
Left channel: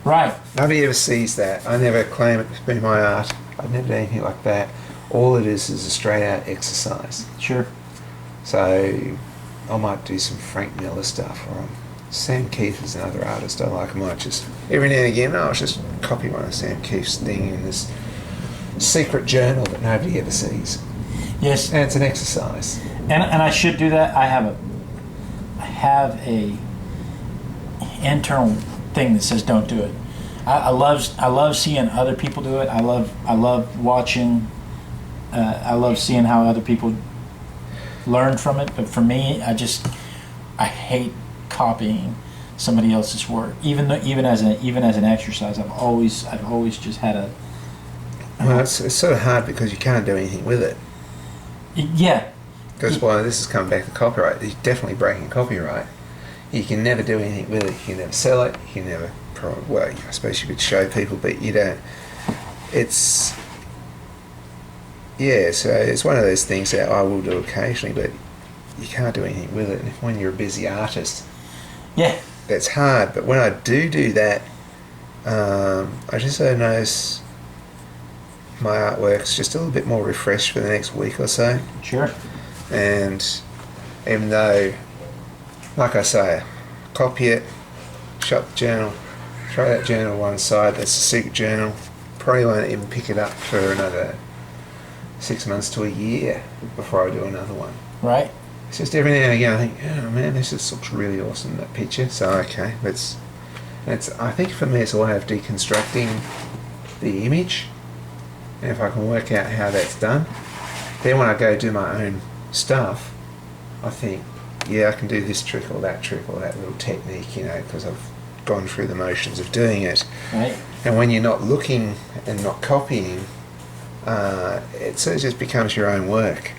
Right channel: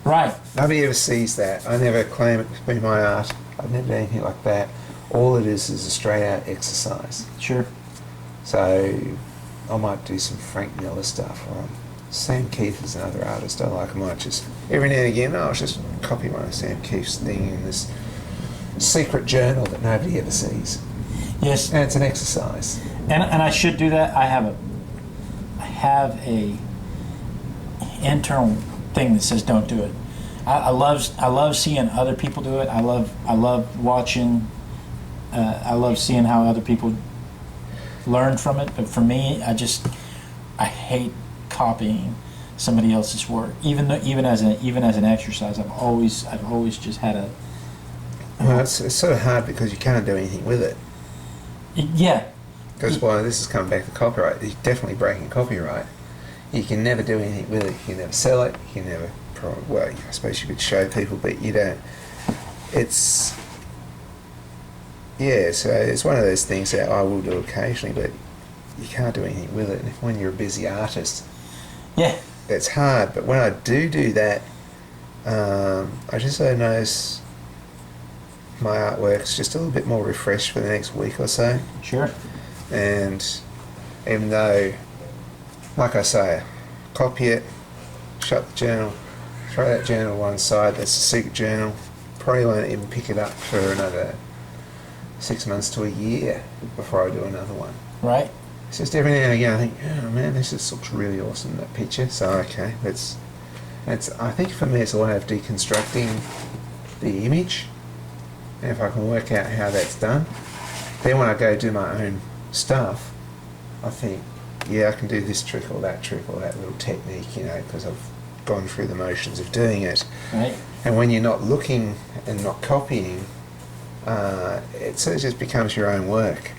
Right. Nobody ever sees that. I never claim it to be my art. I've never done anything like that. All it is a straight out exercise. Sure. So I might do some Frank Miller stuff, or Sam Keith is another artist I like. I might just, every now and again, I'll just copy one of Sam Keith's thing in this secret journal that nobody ever sees. Yes. And it's an exercise. And I should do that. I have a internal thing that says don't do it. I love seeing other people do it. I love watching. I love seeing how other people learn from it. But for me, I hate copying somebody else's work. Even as an exercise, I've always just had a. Well, it's sort of hard because you can't do anything with it. Yeah. Because this is coming back to copyright. You're definitely breaking copyright. You can never do anything with it. You can never sell it. You can never. Well, I suppose you could show people, but you don't. It's. Yeah, so it's one of those things that I will do occasionally, but you can't do anything with it. And when you're a busy artist, yeah, that's hard. But when I do that, I just so notice my artwork's just a little bit more refreshed for the next week or so. Sure. And even though, like I say, copy it, shut the journal, throw that journal one side, that's a secret journal, probably won't even pick it up for another 6 months to a year before I do another one. Right. It's just every now and again I think, oh man, this just looks really awesome, that picture. So okay, I think for me it's a way of deconstructing the image, and if I can work out how that's done, then when I go do my own stuff, I think, yeah, I can do this trick or that little technique, you know, because I've gone through the motions of doing it. Right. And when you're not looking and not copying, it sort of just becomes your own work.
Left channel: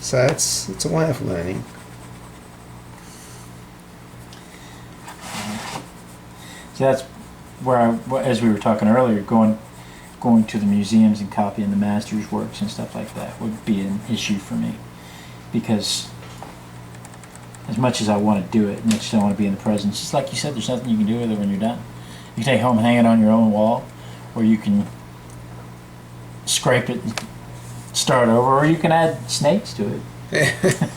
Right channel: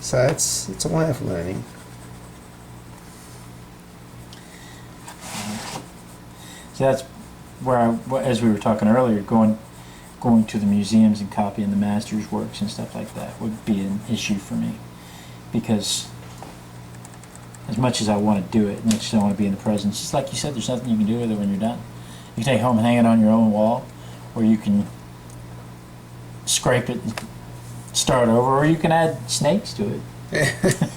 So it's a way of learning. So that's where as we were talking earlier, going to the museums and copying the masters' works and stuff like that would be an issue for me, because as much as I want to do it, as much as I want to be in the presence, just like you said, there's nothing you can do with it when you're done. You can take it home and hang it on your own wall, or you can scrape it and start over, or you can add snakes to it.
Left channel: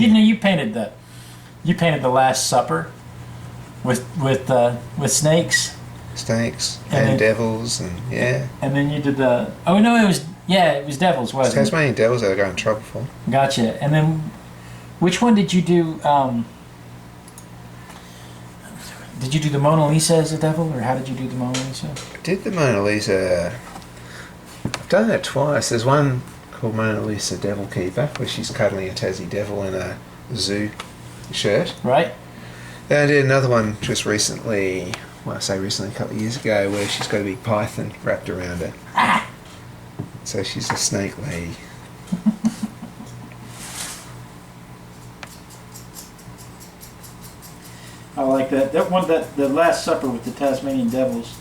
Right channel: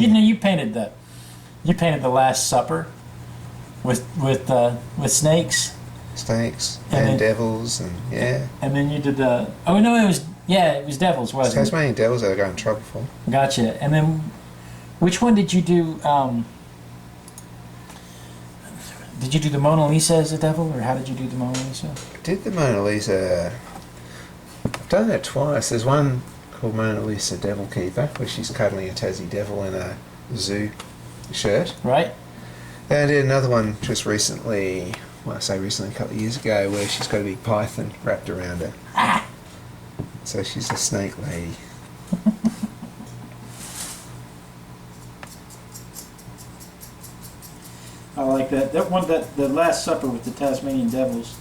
You painted the Last Supper with snakes. Snakes and devils, and yeah. And then you did the it was devils, wasn't it? Tasmanian devils I got in trouble for. Gotcha. And then which one did you do? Did you do the Mona Lisa as a devil, or how did you do the Mona Lisa? I did the Mona Lisa. I've done that twice. There's one called Mona Lisa Devil Keeper, where she's cuddling a Tassie devil in a zoo shirt. Right. Then I did another one just recently, well, I say recently, a couple of years ago, where she's got a big python wrapped around her. So she's a snake lady. I like that. That one, the Last Supper with the Tasmanian devils.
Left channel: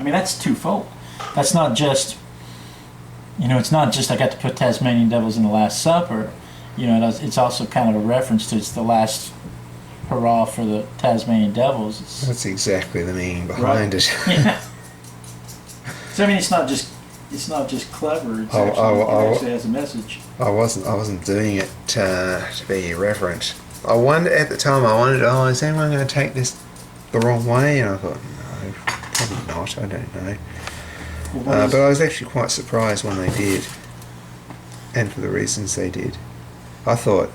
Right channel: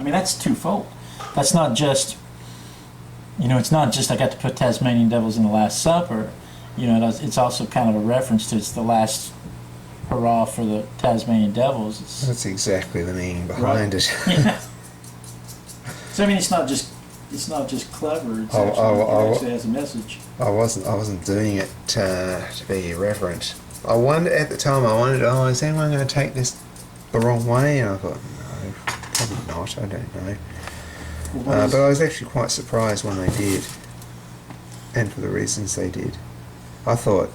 I mean, that's twofold. That's not just, it's not just I got to put Tasmanian devils in the Last Supper. It's also kind of a reference to it's the last hurrah for the Tasmanian devils. That's exactly the meaning behind it. Yeah. So I mean, it's not just clever. It's it actually has a message. I wasn't doing it to be irreverent. I wondered at the time. Is anyone going to take this the wrong way? And I thought, no, probably not. I don't know. Well, but I was actually quite surprised when they did, and for the reasons they did. I thought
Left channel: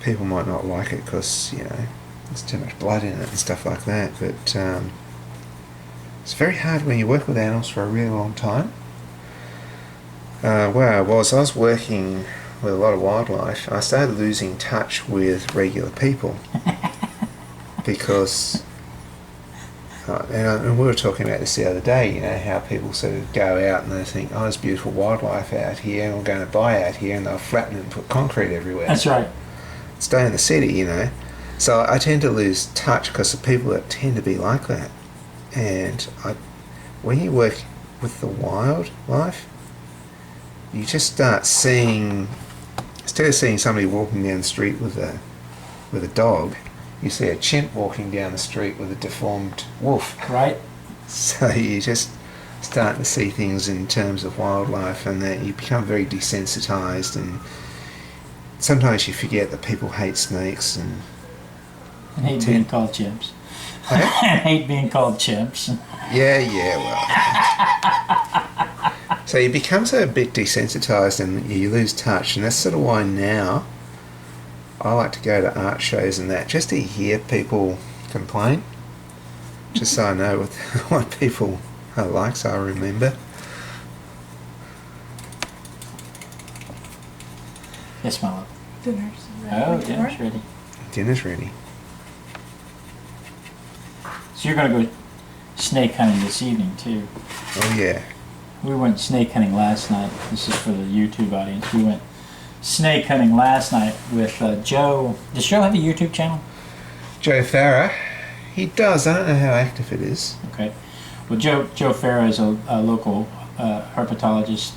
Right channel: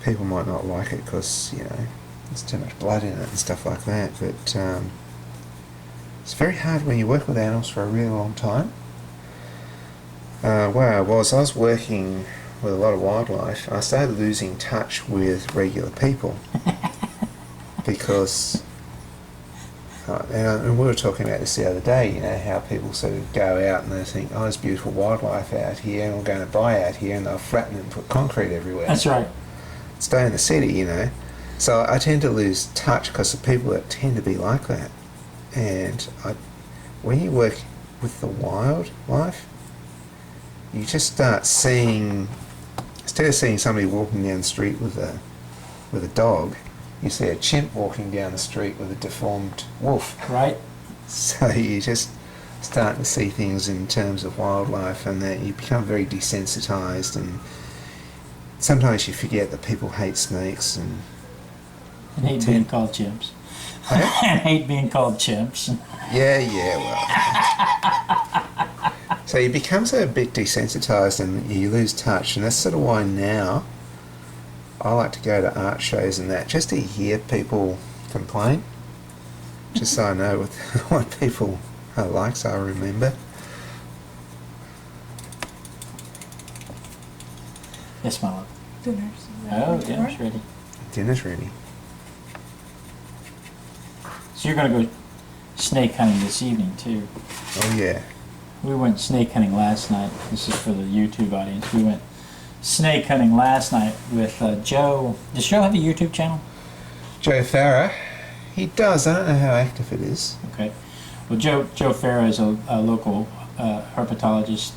people might not like it because there's too much blood in it and stuff like that. But it's very hard when you work with animals for a really long time. Where I was working with a lot of wildlife. I started losing touch with regular people because, and we were talking about this the other day, how people sort of go out and they think, oh, there's beautiful wildlife out here and we're going to buy out here, and they'll flatten it and put concrete everywhere. That's right. Stay in the city, So I tend to lose touch because of people that tend to be like that. And when you work with the wildlife, you just start seeing, instead of seeing somebody walking down the street with a dog, you see a chimp walking down the street with a deformed wolf. Right. So you just start to see things in terms of wildlife, and that you become very desensitized, and sometimes you forget that people hate snakes and hate being called chimps. Okay? And hate being called chimps. Yeah, well. So you become so a bit desensitized and you lose touch, and that's sort of why now I like to go to art shows and that, just to hear people complain, just so I know what people are like, so I remember. Yes, my love. Dinner's ready. Oh, dinner's ready. Dinner's ready. So you're going to go snake hunting this evening, too. Oh, yeah. We went snake hunting last night. This is for the YouTube audience. We went snake hunting last night with Joe. Does Joe have a YouTube channel? Joe Farah. He does. I don't know how active it is. Okay. Well, Joe Farah is a local herpetologist,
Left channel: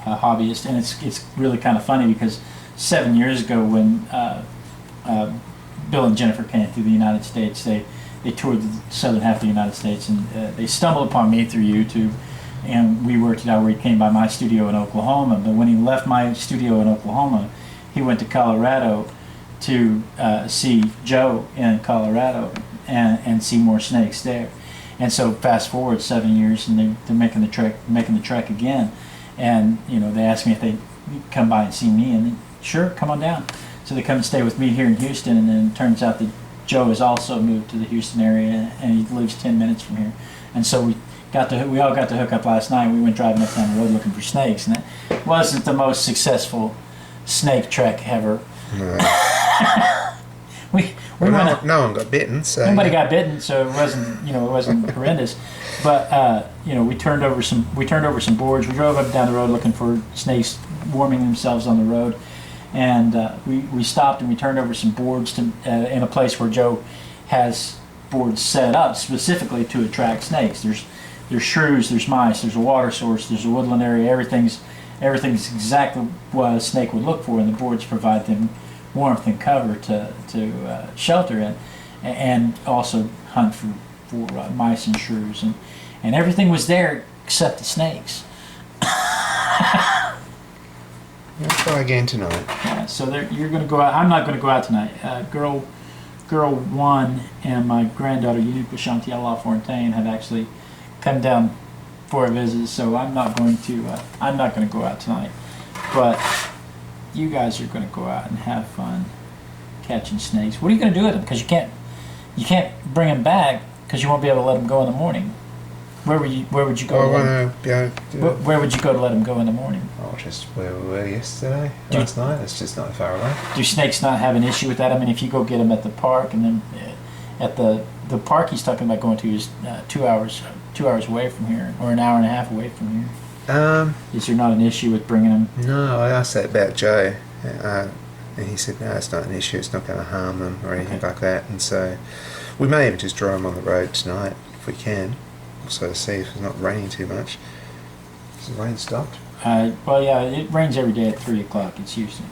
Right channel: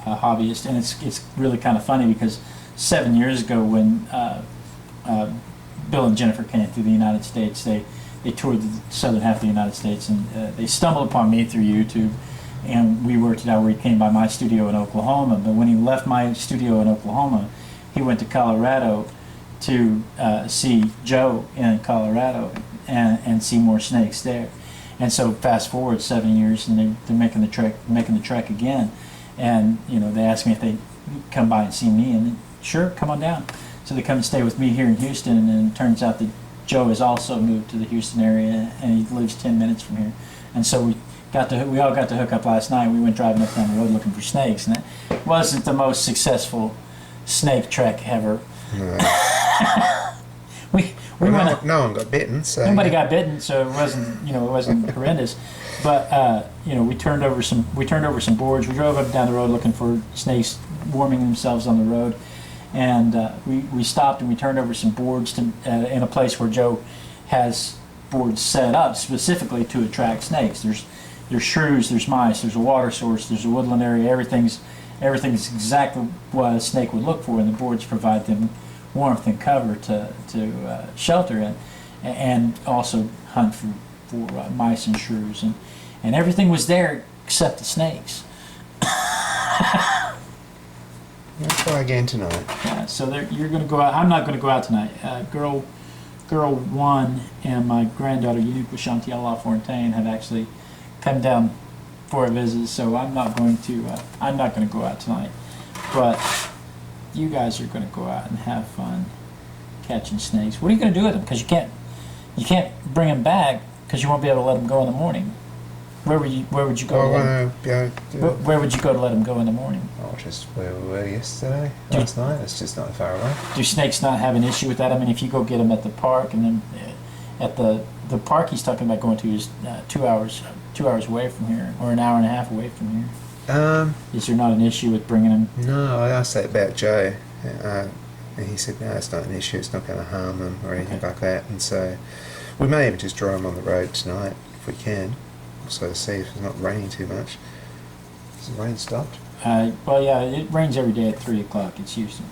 hobbyist, and it's really kind of funny because 7 years ago when Bill and Jennifer came through the United States, they toured the southern half of the United States, and they stumbled upon me through YouTube. And we worked it out where he came by my studio in Oklahoma. But when he left my studio in Oklahoma, he went to Colorado to see Joe in Colorado and see more snakes there. And so fast forward 7 years, and they're making the trek again. And they asked me if they'd come by and see me, and sure, come on down. So they come and stay with me here in Houston, and then it turns out that Joe has also moved to the Houston area, and he lives 10 minutes from here. And so we all got to hook up last night. We went driving up down the road looking for snakes, and it wasn't the most successful snake trek ever. No. we Well, went. no one got bitten, so Nobody yeah. got bitten, so it wasn't horrendous. But we turned over some boards. We drove up and down the road looking for snakes warming themselves on the road, and we stopped and we turned over some boards to in a place where Joe has boards set up specifically to attract snakes. There's shrews, there's mice, there's a water source, there's a woodland area. Everything's exactly what a snake would look for, and the boards provide them warmth and cover to shelter in, and also hunt for mice and shrews, and everything was there except the snakes. We'll try again tonight. Yeah, so you're going to go out. I'm not going to go out tonight. Girl one and my granddaughter Unique Chantiel LaFontaine have actually come down for a visit, so I'm not going to go out tonight. But you guys are going to go out and have fun catching snakes. What are you going to do with them? Because you can't bring them back because you won't be able to let them go in the morning. Where would you go? Where would you go to let them go in the morning? Oh, just where we were yesterday, last night. It's just not far away. Do snakes not have an issue with that? I mean, if you go get them at the park, and then at the park he's talking about going to is 2 hours away from here, or an hour and a half away from here. Is there not an issue with bringing them? No, I asked that about Joe, and he said no, it's not an issue. It's not going to harm them or anything like that. And so we may even just draw them on the road tonight if we can. Also to see if it's not raining too much. Has the rain stopped? Well, yeah, it rains every day at 3 o'clock. It's Houston.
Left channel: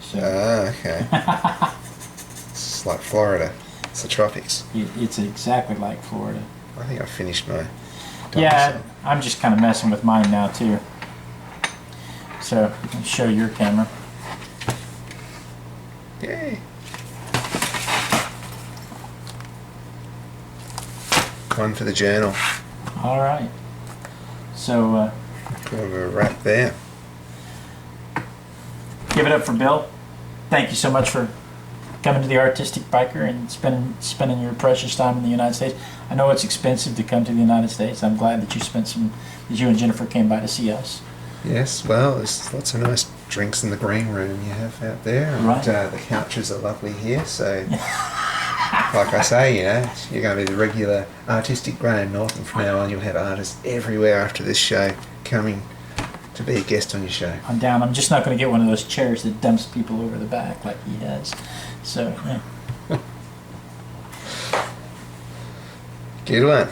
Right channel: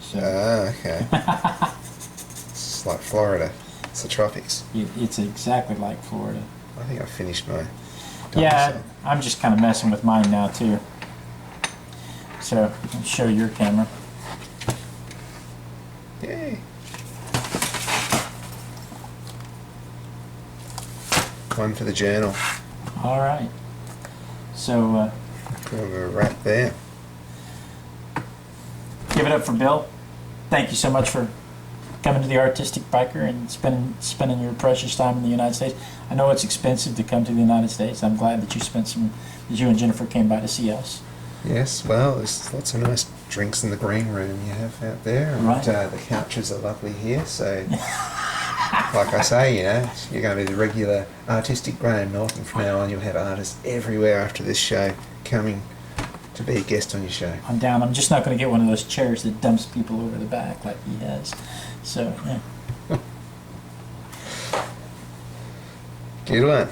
So. Okay. It's like Florida. It's the tropics. It's exactly like Florida. I think I finished my. Yeah, I'm just kind of messing with mine now too. So I'll show your camera. Yay. One for the journal. All right. So We're a wrap there. give it up for Bill. Thank you so much for coming to the Artistic Biker and spending your precious time in the United States. I know it's expensive to come to the United States. I'm glad that you and Jennifer came by to see us. Yes, well, there's lots of nice drinks in the green room you have out there, and Right. The couches are lovely here. So, like I say, you're going to be the regular artistic Graham Norton from now on. You'll have artists everywhere after this show coming to be a guest on your show. I'm down. I'm just not going to get one of those chairs that dumps people over the back like he has. So, yeah. Good one.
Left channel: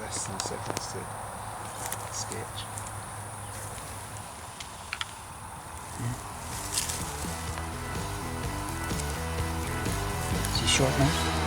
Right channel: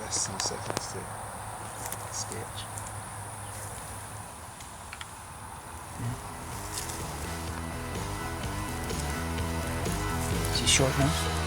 Less than seconds to sketch. Is he short enough?